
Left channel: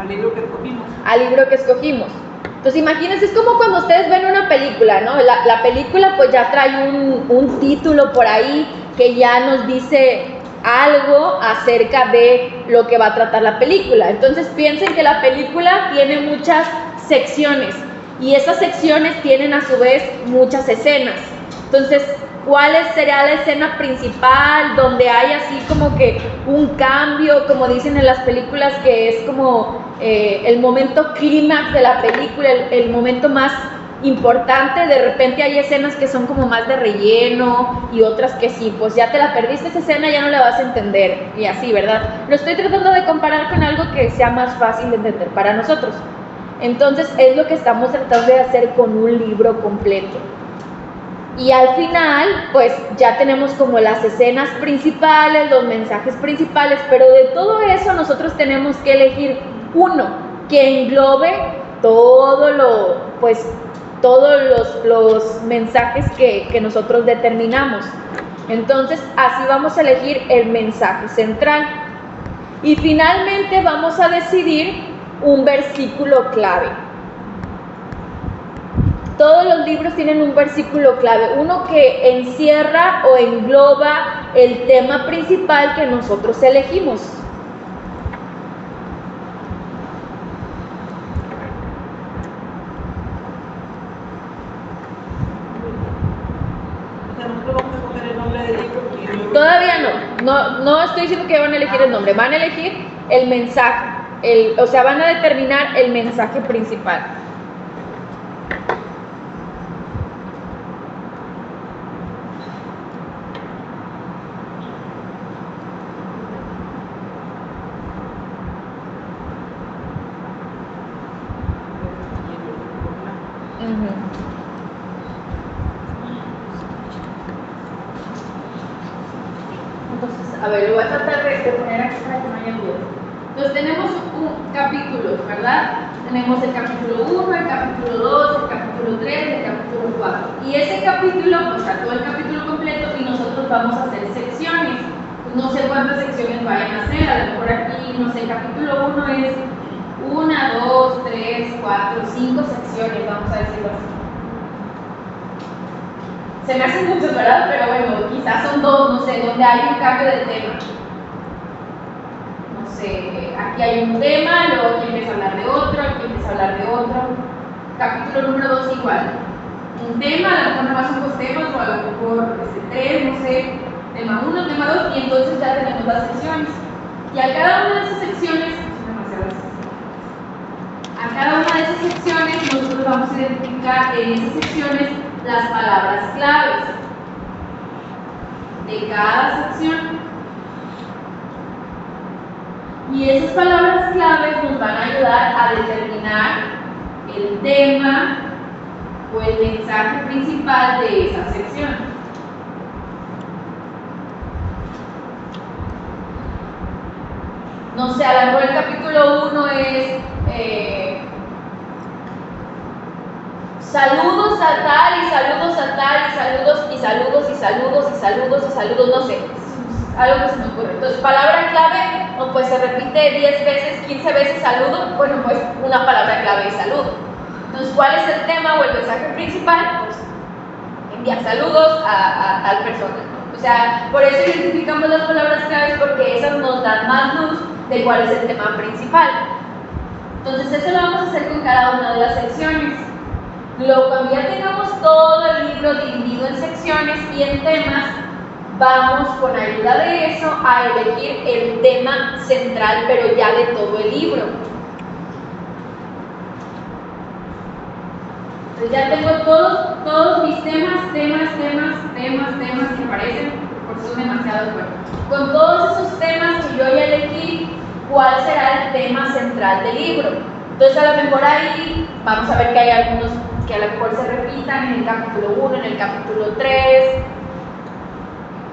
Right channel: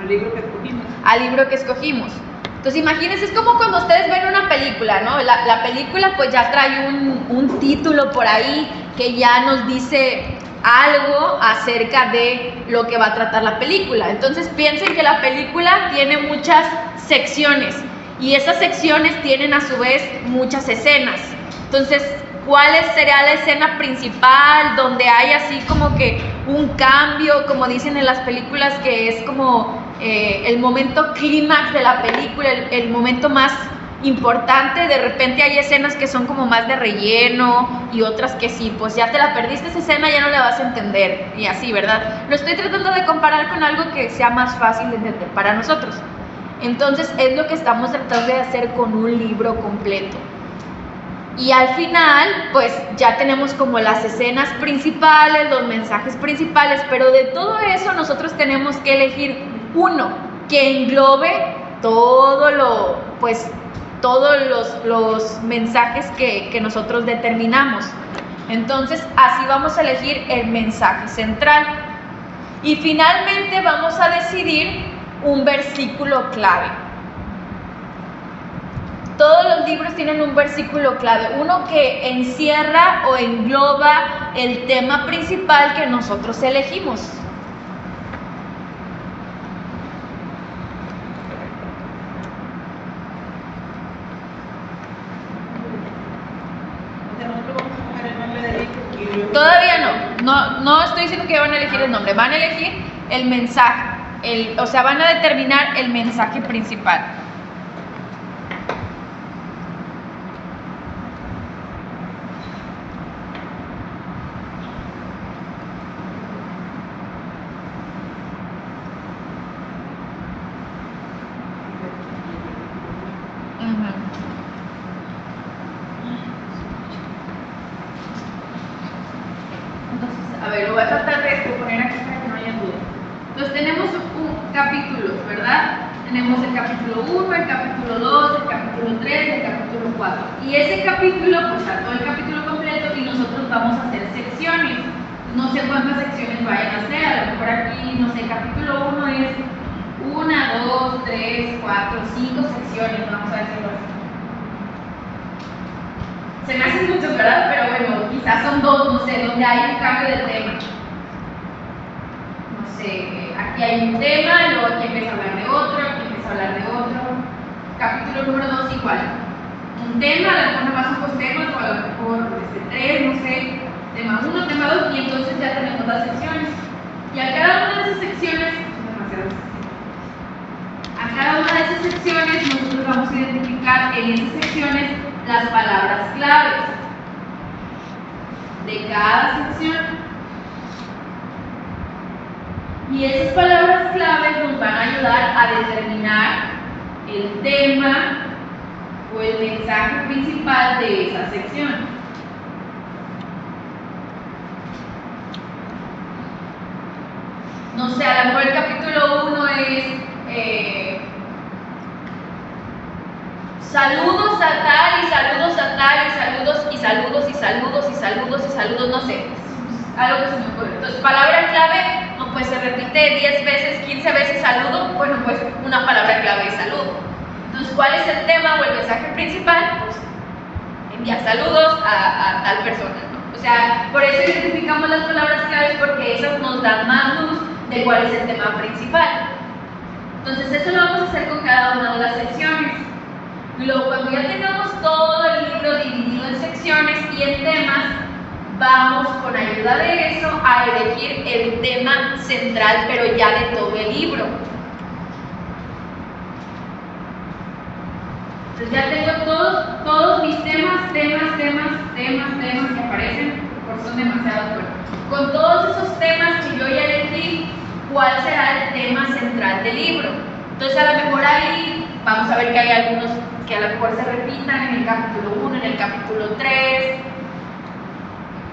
Al libro que escogimos. Al libro que escogimos. Entonces imagínense, es como cuando ustedes ven una película, ¿no? La película pues ya trae un título por ahí que ya nos dice algo acerca de lo que va a tratar la película. Entonces piensen que la película tiene muchas secciones y esas secciones tienen a su vez muchas escenas. Entonces, ¿cuál sería la escena principal donde hay así como que un cambio, como dicen en las películas, que es como el momento clímax de la película, el momento más importante? De repente hay escenas que son como más de relleno y otras que sí, pues ya te la perdiste esa escena, ya no la vas a entender y así, ¿verdad? Lo estoy tratando de comparar con algo que sea más fácil de entender para nosotros. Entonces es lo que estamos tratando de hacer con un libro completo. Y al final, pues ya tenemos como las escenas principales, los mensajes principales, pero de todo eso nosotros tenemos que elegir uno que englobe todos los mensajes que nosotros determinamos. Entonces, así vamos a elegir el mensaje central. Y finalmente vamos a decidir un versículo clave. Todos los libros tienen un versículo clave, uno que encierra o engloba el tema principal que nosotros elegimos. Todavía no estoy diciendo que van a elegir el nombre, van a elegir el mensaje, o sea, van a determinar el mensaje principal. Entonces, a ver, lo voy a tratar de poner aquí para que no haya duda. Entonces tenemos capítulos, ¿verdad? Tenemos el capítulo 1, el capítulo 2, el capítulo 3, el capítulo 4. Y ese capítulo, pues está todo el capítulo completo y nosotros vamos a hacer secciones. Pues no sé cuántas secciones vayan a hacer, a lo mejor aquí, no sé, capítulo 1 es 1, 2, 3, 4, 5 secciones, vamos a decirlo así. Se me hacen muchos, ¿verdad? Pero bueno, quizás son 2, no sé, donde hay un cambio de tema. No sé, aquí hay un tema, luego aquí empieza a hablar de otro, aquí empieza a hablar de otro. Capítulo número 2 igual. un tema, a lo mejor nomás son 2 temas, o a lo mejor 3, no sé, tema 1, tema 2, y entonces ya tenemos las secciones. Y a cada una de esas secciones, a cada una de esas secciones nosotros vamos a identificar en esas secciones las palabras claves de cada sección. Y esas palabras claves nos van a ayudar a determinar el tema o el mensaje principal de esa sección. No sé, a lo mejor el capítulo 1 es saludos a tal y saludos a tal y saludos y saludos y saludos y saludos y saludos, no sé, algo que se me ocurre. Entonces, palabra clave, no, pues se repite 10 veces, 15 veces saludo, bueno, pues una palabra clave es saludo. Entonces, ¿cuál es el tema o el mensaje principal? Pues enviar saludos a tal persona, ¿no? O sea, por eso identificamos las palabras claves, porque esas nos dan más luz de cuál es el tema principal. Entonces, eso lo vamos a hacer con cada una de las secciones. Luego, cuando ya tengamos todo el libro dividido en secciones y en temas, vamos con ayuda de eso a elegir el tema central, pero ya de todo el libro. Entonces ya tengo todos mis temas que aparecen, porque son demasiados buenos. Con todos esos temas que yo ya elegí, ¿cuál será el tema central del libro? Entonces a lo mejor ahí vamos a ver que hay algunos que a lo mejor se repitan en el capítulo 1, en el capítulo 3,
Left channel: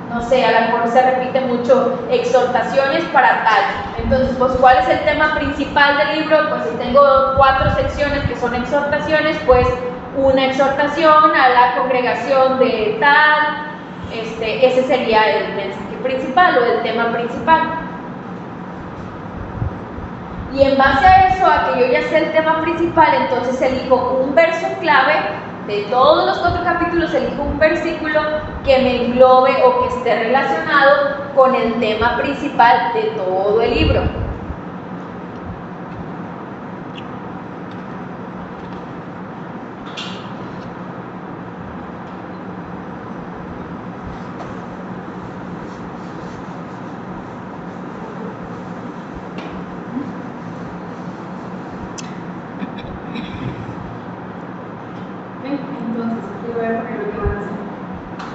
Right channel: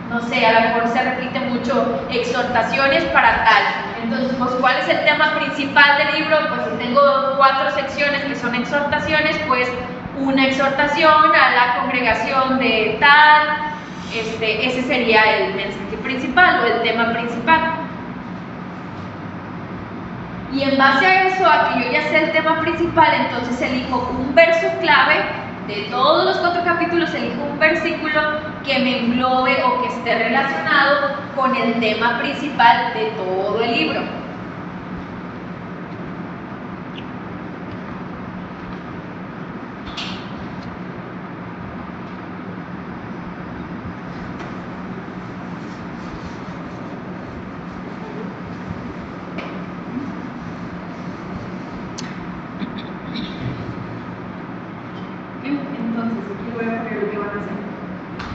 no sé, a lo mejor se repite mucho exhortaciones para tal. Entonces, pues, ¿cuál es el tema principal del libro? Pues si tengo 4 secciones que son exhortaciones, pues una exhortación a la congregación de tal, ese sería el mensaje principal o el tema principal. Y en base a eso, a que yo ya sé el tema principal, entonces elijo un verso clave. De todos los 4 capítulos elijo un versículo que me englobe o que esté relacionado con el tema principal de todo el libro. Entonces, aquí voy a poner lo que van a hacer.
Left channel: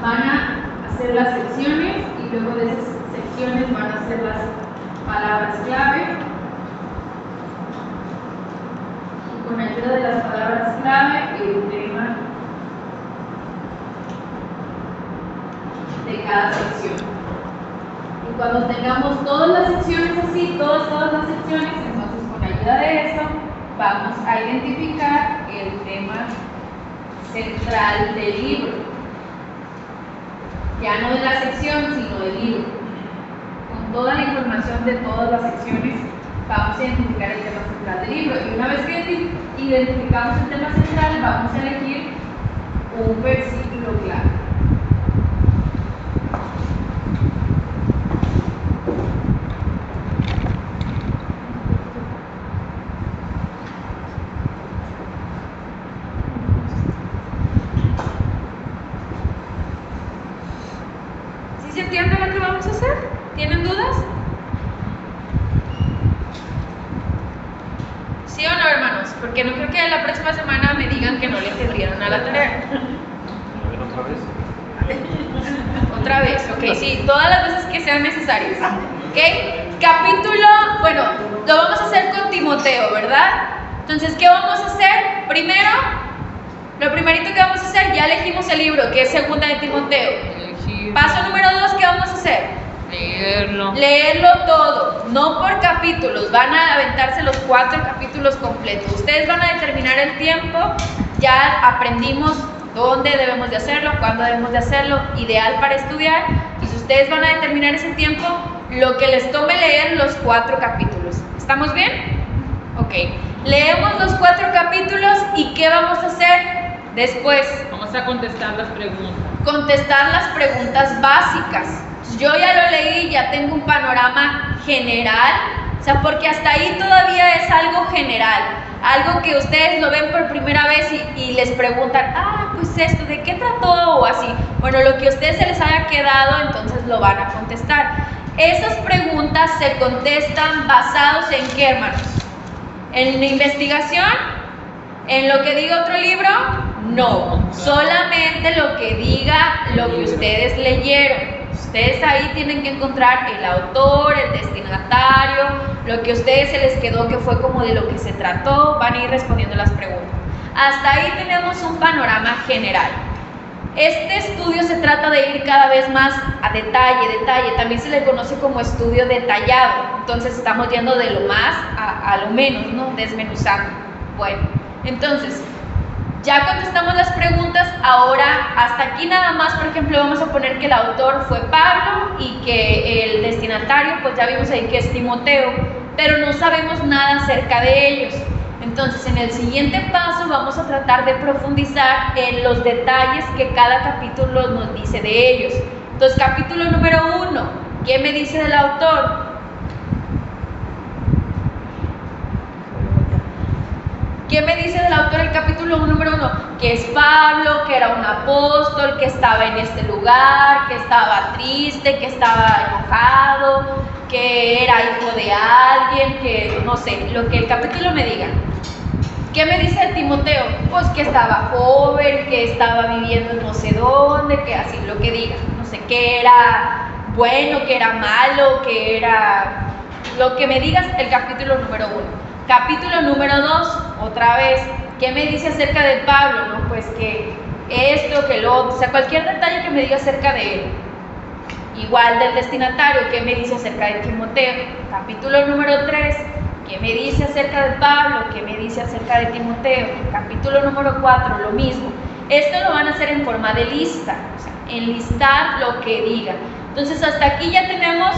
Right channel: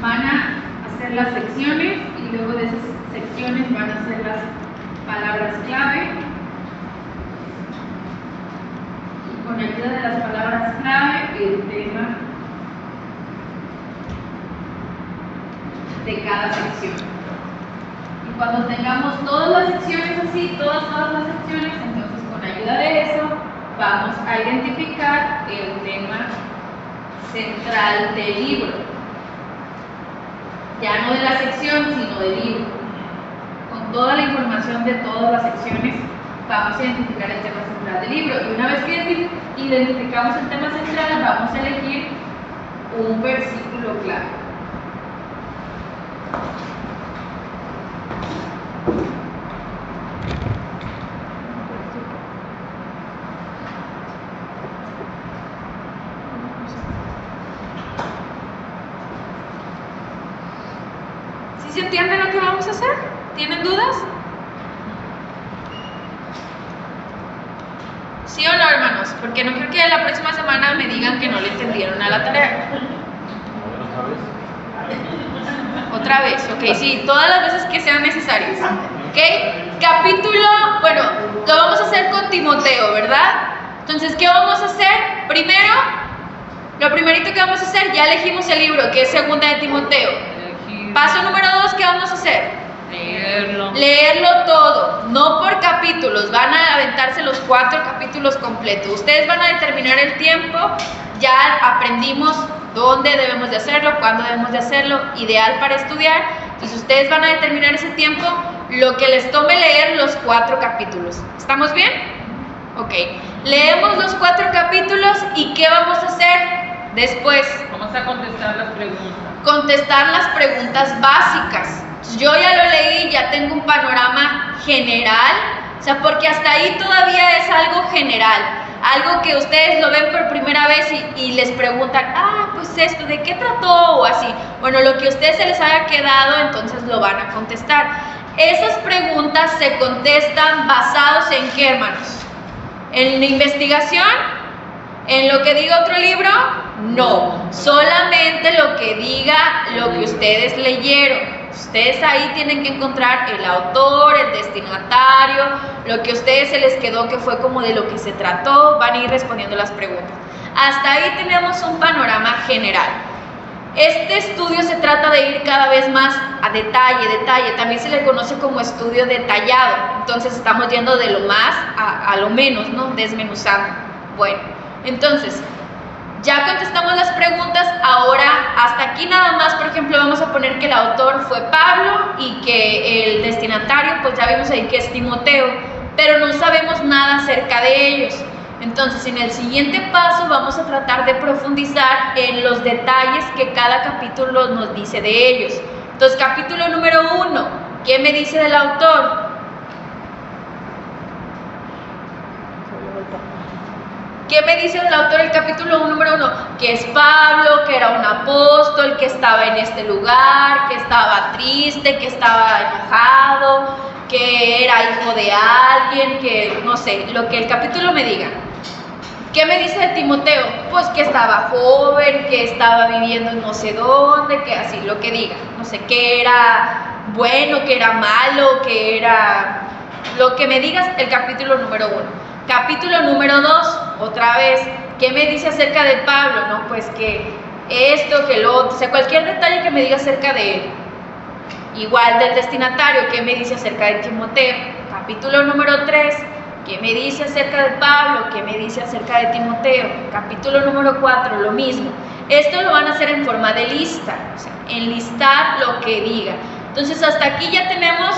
Van a hacer las secciones y luego de esas secciones van a hacer las palabras clave. Y con ayuda de las palabras clave, el tema de cada sección. Y cuando tengamos todas las secciones así, todas las secciones, entonces con ayuda de eso vamos a identificar el tema central del libro, ya no de la sección, sino del libro. Con toda la información de todas las secciones vamos a identificar el tema central del libro, y una vez que identificamos el tema central, vamos a elegir un versículo clave. ¿Se entiende lo que vamos a hacer? ¿Tienen dudas? ¿Sí o no, hermanos? Porque no creo que la próxima semana me digan que no le entendieron a la tarea. Otra vez, ok, sí, todas las veces que sean necesarias. Ok, capítulo, bueno, lo vamos a hacer con Timoteo, ¿verdad? Entonces, ¿qué vamos a hacer? Primero, lo primerito que vamos a hacer, ya elegimos el libro, que es Segunda de Timoteo. Paso número 2, ¿qué vamos a hacer? Leerlo todo, no por capítulos, van a aventarse los 4 capítulos completos. Ustedes van a determinar el tiempo, ya aprendimos dónde debemos de hacerlo, cuándo debemos de hacerlo, ideal para estudiar. Entonces ustedes van a determinar ese tiempo, lo que les tome leer los 4 capítulos. ¿Estamos bien? Ok, leemos los 4 capítulos y ¿qué vamos a hacer después? Vamos a contestar las preguntas. Contestar las preguntas básicas. Yo ya lo leí, ya tengo un panorama general, o sea, porque hasta ahí todavía es algo general, algo que ustedes lo ven por primera vez y les preguntan, pues entonces esto, ¿de qué trató? O así. Bueno, lo que a ustedes se les haya quedado, entonces lo van a contestar. Esas preguntas se contestan basados en ¿qué, hermanos? ¿En la investigación? ¿En lo que diga otro libro? No, solamente lo que diga lo que ustedes leyeron. Ustedes ahí tienen que encontrar el autor, el destinatario, lo que a ustedes se les quedó que fue como de lo que se trató, van a ir respondiendo las preguntas. Hasta ahí tenemos un panorama general. Este estudio se trata de ir cada vez más a detalle, también se le conoce como estudio detallado, entonces estamos yendo de lo más a lo menos, ¿no? Desmenuzando. Bueno, entonces, ya contestamos las preguntas, ahora hasta aquí nada más, por ejemplo, vamos a poner que el autor fue Pablo y que el destinatario, pues ya vimos ahí que es Timoteo, pero no sabemos nada acerca de ellos. Entonces, en el siguiente paso vamos a tratar de profundizar en los detalles que cada capítulo nos dice de ellos. Entonces, capítulo número 1, ¿qué me dice del autor? ¿Qué me dice del autor el capítulo número 1? Que es Pablo, que era un apóstol, que estaba en este lugar, que estaba triste, que estaba enojado, que era hijo de alguien, que no sé, lo que el capítulo me diga. ¿Qué me dice de Timoteo? Pues que estaba joven, que estaba viviendo en no sé dónde, que así, lo que diga. No sé, que era bueno, que era malo, que era... Lo que me digas el capítulo número 1. Capítulo número 2, otra vez, ¿qué me dice acerca de Pablo? No, pues que esto, que lo otro, o sea, cualquier detalle que me diga acerca de él. Igual del destinatario, ¿qué me dice acerca de Timoteo? Capítulo número 3, ¿qué me dice acerca de Pablo? ¿Qué me dice acerca de Timoteo? Capítulo número 4, lo mismo. Esto lo van a hacer en forma de lista, o sea, enlistar lo que diga. Entonces, hasta aquí ya tenemos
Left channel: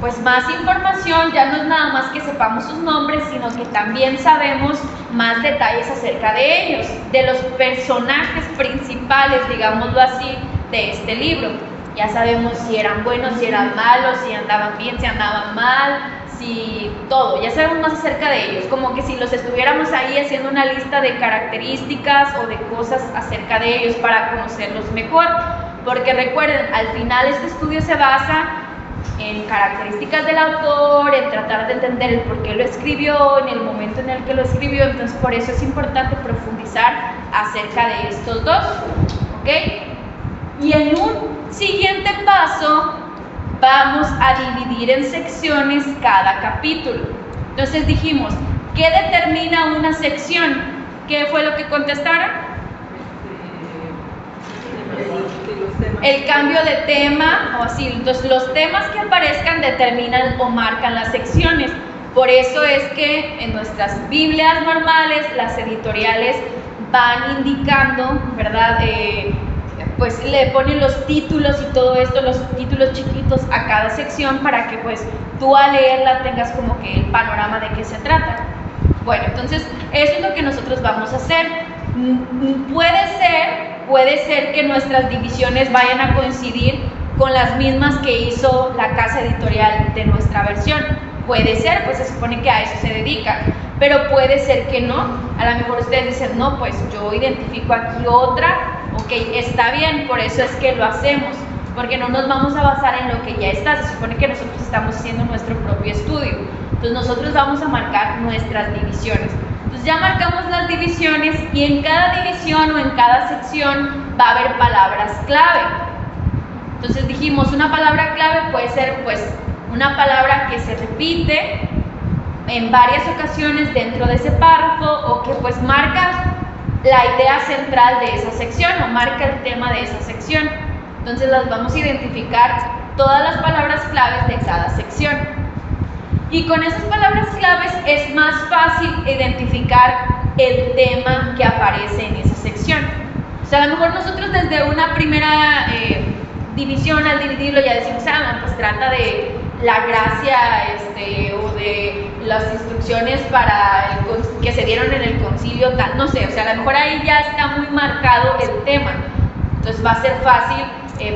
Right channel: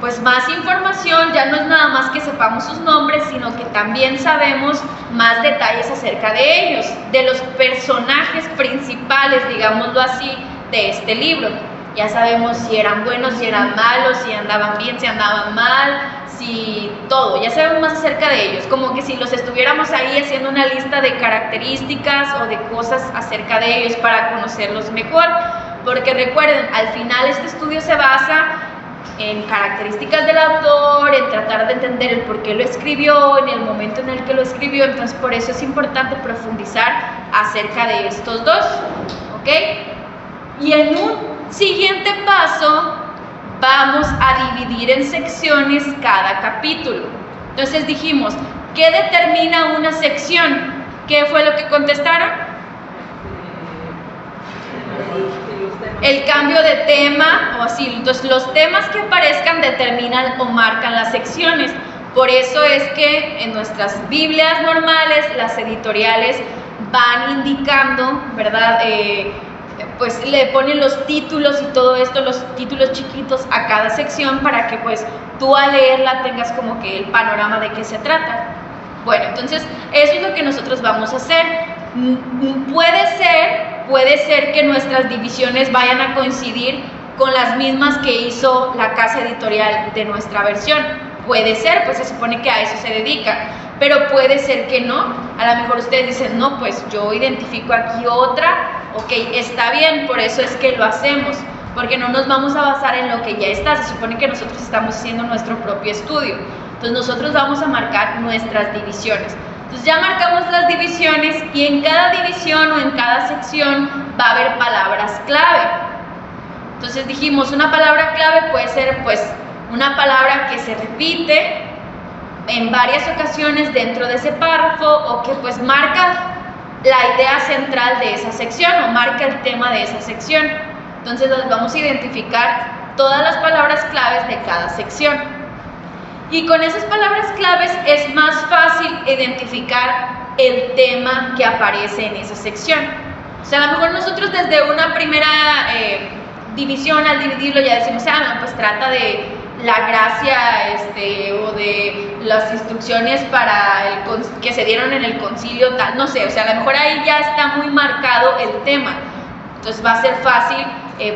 pues más información, ya no es nada más que sepamos sus nombres, sino que también sabemos más detalles acerca de ellos, de los personajes principales, digámoslo así, de este libro. Ya sabemos si eran buenos, si eran malos, si andaban bien, si andaban mal, si todo, ya sabemos más acerca de ellos, como que si los estuviéramos ahí haciendo una lista de características o de cosas acerca de ellos para conocerlos mejor, porque recuerden, al final este estudio se basa en características del autor, en tratar de entender el por qué lo escribió, en el momento en el que lo escribió, entonces por eso es importante profundizar acerca de estos dos, ¿ok? Y en un siguiente paso vamos a dividir en secciones cada capítulo. Entonces dijimos, ¿qué determina una sección? ¿Qué fue lo que contestaron? El cambio de tema o así. Entonces los temas que aparezcan determinan o marcan las secciones. Por eso es que en nuestras Biblias normales, las editoriales van indicando, ¿verdad? Pues le ponen los títulos y todo esto, los títulos chiquitos a cada sección para que pues tú al leerla tengas como que el panorama de qué se trata. Bueno, entonces eso es lo que nosotros vamos a hacer. Puede ser que nuestras divisiones vayan a coincidir con las mismas que hizo la casa editorial de nuestra versión. Puede ser, pues se supone que a eso se dedica, pero puede ser que no. A lo mejor ustedes dicen, no, pues yo identifico aquí otra. Ok, está bien, por eso es que lo hacemos, porque no nos vamos a basar en lo que ya está. Se supone que nosotros estamos haciendo nuestro propio estudio. Entonces nosotros vamos a marcar nuestras divisiones. Entonces ya marcamos las divisiones y en cada división o en cada sección va a haber palabras clave. Entonces dijimos, una palabra clave puede ser pues una palabra que se repite en varias ocasiones dentro de ese párrafo o que pues marca la idea central de esa sección o marca el tema de esa sección. Entonces las vamos a identificar todas las palabras claves de cada sección. Y con esas palabras claves es más fácil identificar el tema que aparece en esa sección. O sea, a lo mejor nosotros desde una primera división al dividirlo ya decimos, no, pues trata de la gracia o de las instrucciones para que se dieron en el concilio tal, no sé, o sea, a lo mejor ahí ya está muy marcado el tema. Entonces va a ser fácil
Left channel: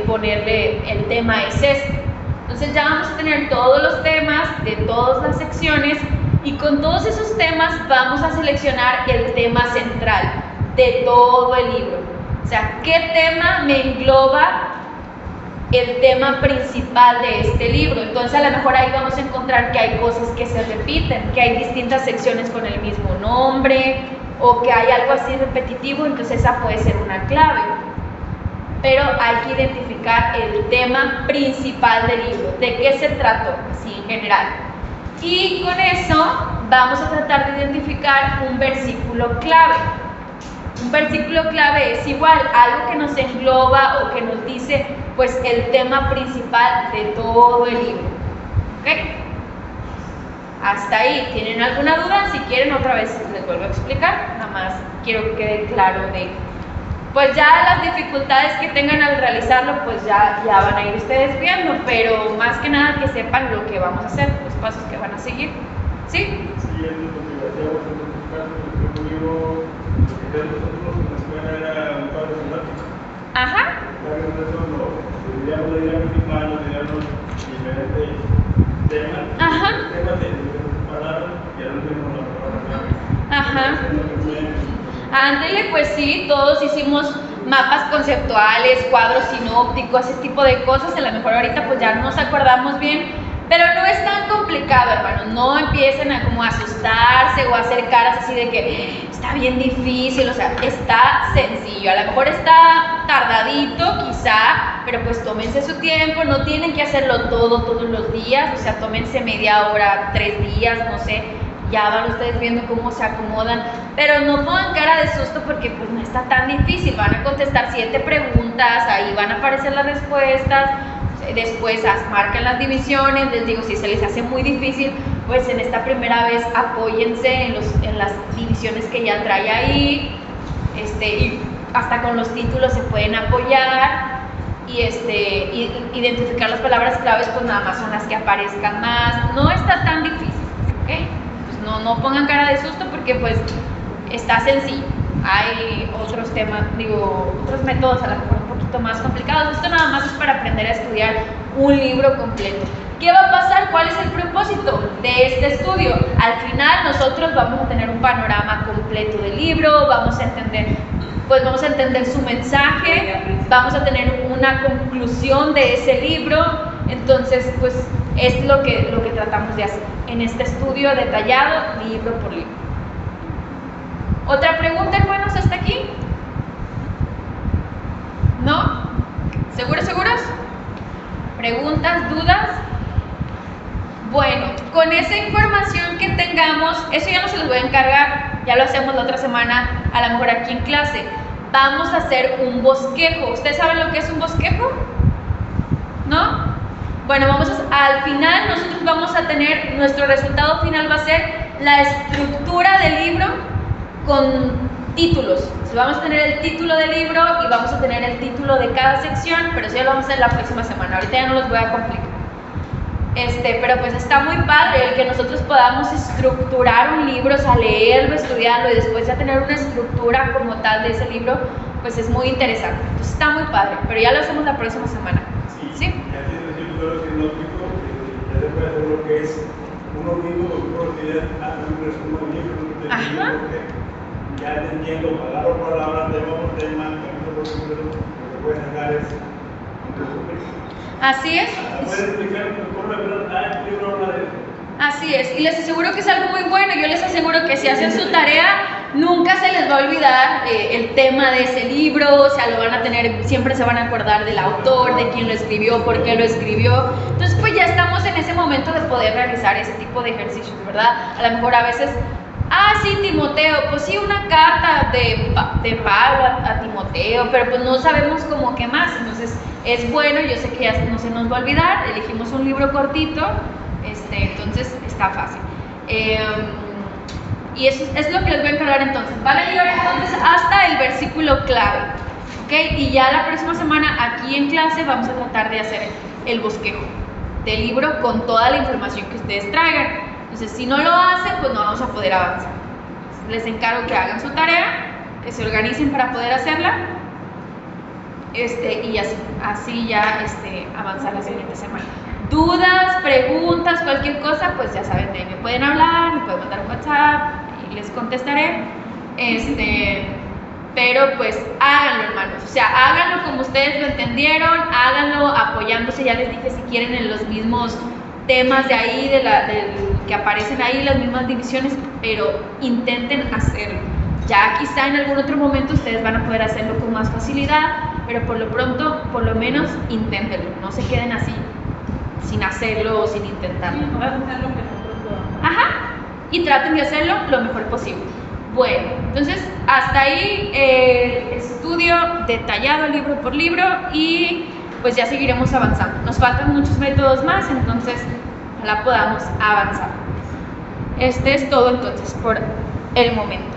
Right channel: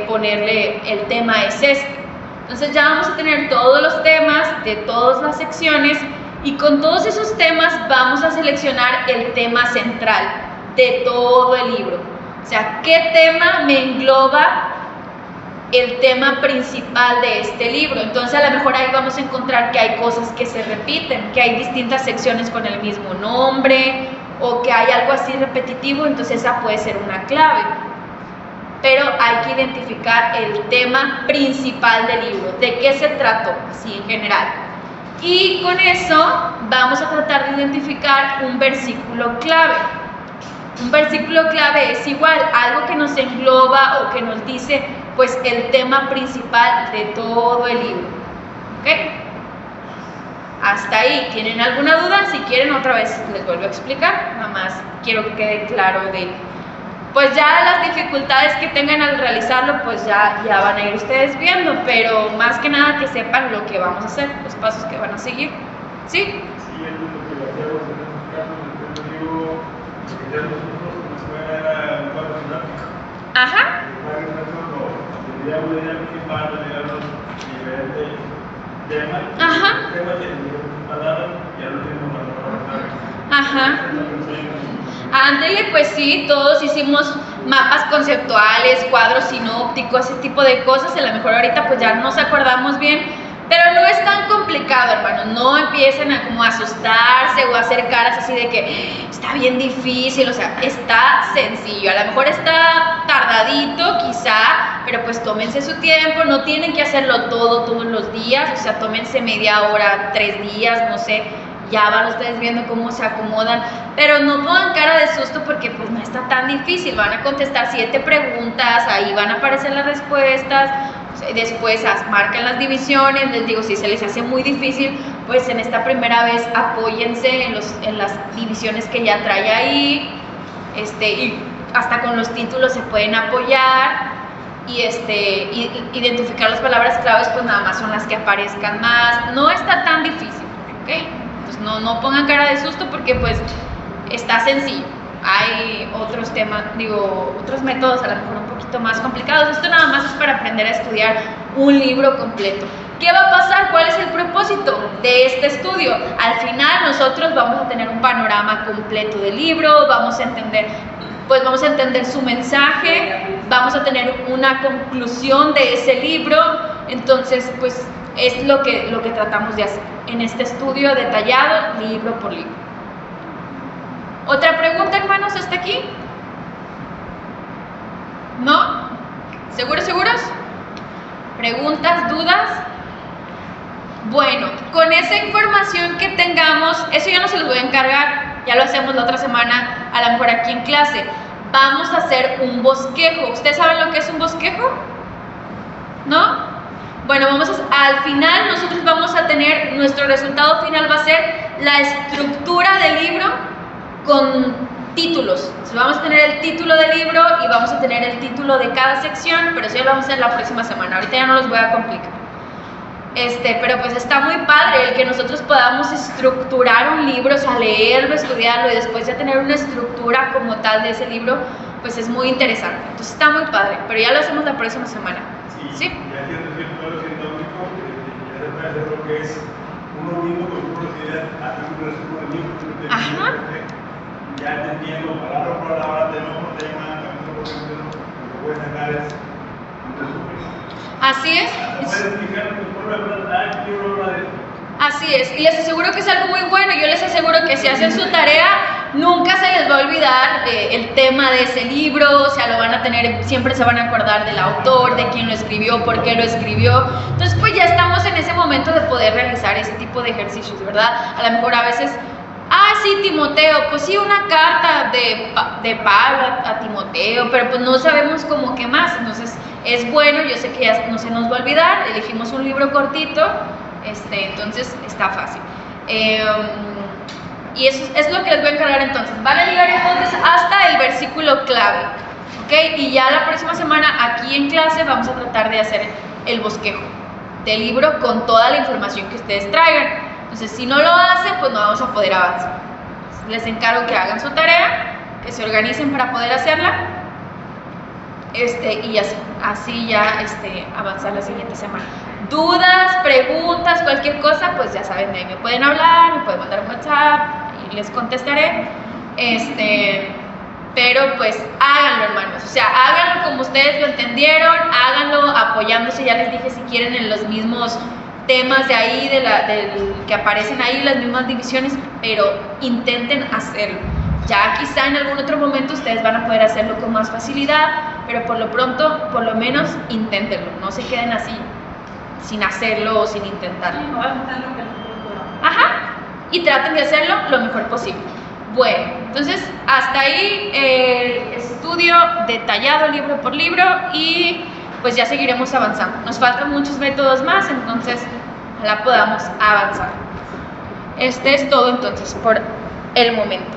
ponerle el tema es este. Entonces ya vamos a tener todos los temas de todas las secciones y con todos esos temas vamos a seleccionar el tema central de todo el libro. O sea, ¿qué tema me engloba el tema principal de este libro? Entonces a lo mejor ahí vamos a encontrar que hay cosas que se repiten, que hay distintas secciones con el mismo nombre o que hay algo así repetitivo, entonces esa puede ser una clave. Pero hay que identificar el tema principal del libro, de qué se trató, así en general. Y con eso vamos a tratar de identificar un versículo clave. Un versículo clave es igual, algo que nos engloba o que nos dice pues el tema principal de todo el libro. ¿Ok? Hasta ahí. ¿Tienen alguna duda? Si quieren otra vez les vuelvo a explicar. Nada más quiero que quede claro de pues ya las dificultades que tengan al realizarlo, pues ya van a ir ustedes viendo, pero más que nada que sepan lo que vamos a hacer, los pasos que van a seguir. ¿Sí? Sí, es lo que hacíamos en este caso, el libro que ya nosotros en la escuela era un cuadro didáctico. Ajá. La organización lo dividíamos la idea principal, lo dividíamos diferentes temas. Ajá. Temas de diferentes palabras y al último la palabra clave. Ajá. Ándele, pues sí, todos hicimos mapas conceptuales, cuadros sinópticos, ese tipo de cosas. A lo mejor ahorita pues ya no nos acordamos bien, pero no es tan complicado, hermanos. No empiecen a como asustarse o a hacer caras así de que está bien difícil, o sea, está sencillo. A lo mejor está tardadito quizá, pero pues tómense su tiempo, no tienen que hacerlo todo todos los días, o sea, tómense media hora, 3 días, no sé. Ya van ustedes viendo cómo se acomodan, pero no pongan cara de susto porque pues no está tan difícil. Van a contestar 7 preguntas, ahí van a aparecer las respuestas, después marcan las divisiones. Les digo, si se les hace muy difícil, pues en esta primera vez apóyense en las divisiones que ya trae ahí, y hasta con los títulos se pueden apoyar. Y identificar las palabras claves, pues nada más son las que aparezcan más. No está tan difícil, ¿ok? No pongan cara de susto porque pues está sencillo. Hay otros temas, otros métodos a lo mejor un poquito más complicados. Esto nada más es para aprender a estudiar un libro completo. ¿Qué va a pasar? ¿Cuál es el propósito de este estudio? Al final nosotros vamos a tener un panorama completo del libro, vamos a entender su mensaje, vamos a tener una conclusión de ese libro. Entonces, pues es lo que tratamos de hacer en este estudio detallado, libro por libro. ¿Otra pregunta, hermanos, hasta aquí? ¿No? ¿Seguros? ¿Preguntas, dudas? Bueno, con esa información que tengamos, eso ya no se los voy a encargar, ya lo hacemos la otra semana, a lo mejor aquí en clase. Vamos a hacer un bosquejo. ¿Ustedes saben lo que es un bosquejo? ¿No? Bueno, al final nosotros vamos a tener, nuestro resultado final va a ser la estructura del libro con títulos. Entonces, vamos a tener el título del libro y vamos a tener el título de cada sección, pero eso ya lo vamos a hacer la próxima semana. Ahorita ya no los voy a complicar. Pero pues está muy padre el que nosotros podamos estructurar un libro, o sea, leerlo, estudiarlo y después ya tener una estructura como tal de ese libro, pues es muy interesante. Entonces está muy padre, pero ya lo hacemos la próxima semana. ¿Sí? Y así es decir, todo lo sinóptico, ya se puede hacer lo que es uno mismo con unos ideas, un resumen del libro, ya entendiendo palabra por palabra, tema por tema, capítulo por capítulo, lo que puede sacar es un resumen. Así es. Puede explicar por lo que libro habla de esto. Así es, y les aseguro que es algo muy bueno. Yo les aseguro que si hacen su tarea, nunca se les va a olvidar el tema de ese libro. O sea, lo van a tener, siempre se van a acordar del autor, de quién lo escribió, por qué lo escribió. Entonces, pues ya estamos en ese momento de poder realizar ese tipo de ejercicios, ¿verdad? A lo mejor a veces, sí, Timoteo, pues sí, una carta de Pablo a Timoteo, pero pues no sabemos cómo qué más. Entonces, es bueno, yo sé que ya no se nos va a olvidar, elegimos un libro cortito, entonces está fácil. Y eso es lo que les voy a encargar entonces. Van a llegar entonces hasta el versículo clave, ¿ok? Y ya la próxima semana aquí en clase vamos a tratar de hacer el bosquejo del libro con toda la información que ustedes traigan. Entonces, si no lo hacen, pues no vamos a poder avanzar. Les encargo que hagan su tarea, que se organicen para poder hacerla, y así ya avanzar la siguiente semana. Dudas, preguntas, cualquier cosa, pues ya saben, me pueden hablar, me pueden mandar un WhatsApp y les contestaré. Pero pero pues háganlo, hermanos, o sea, háganlo como ustedes lo entendieron, háganlo apoyándose, ya les dije, si quieren, en los mismos temas de ahí, que aparecen ahí, las mismas divisiones, pero intenten hacerlo. Ya quizá en algún otro momento ustedes van a poder hacerlo con más facilidad, pero por lo pronto, por lo menos, inténtenlo, no se queden así, sin hacerlo o sin intentarlo. Sí, no vas a hacer lo que nosotros podamos. Ajá, y traten de hacerlo lo mejor posible. Bueno, entonces hasta ahí el estudio detallado libro por libro y pues ya seguiremos avanzando. Nos faltan muchos métodos más, entonces ojalá podamos avanzar. Este es todo entonces por el momento.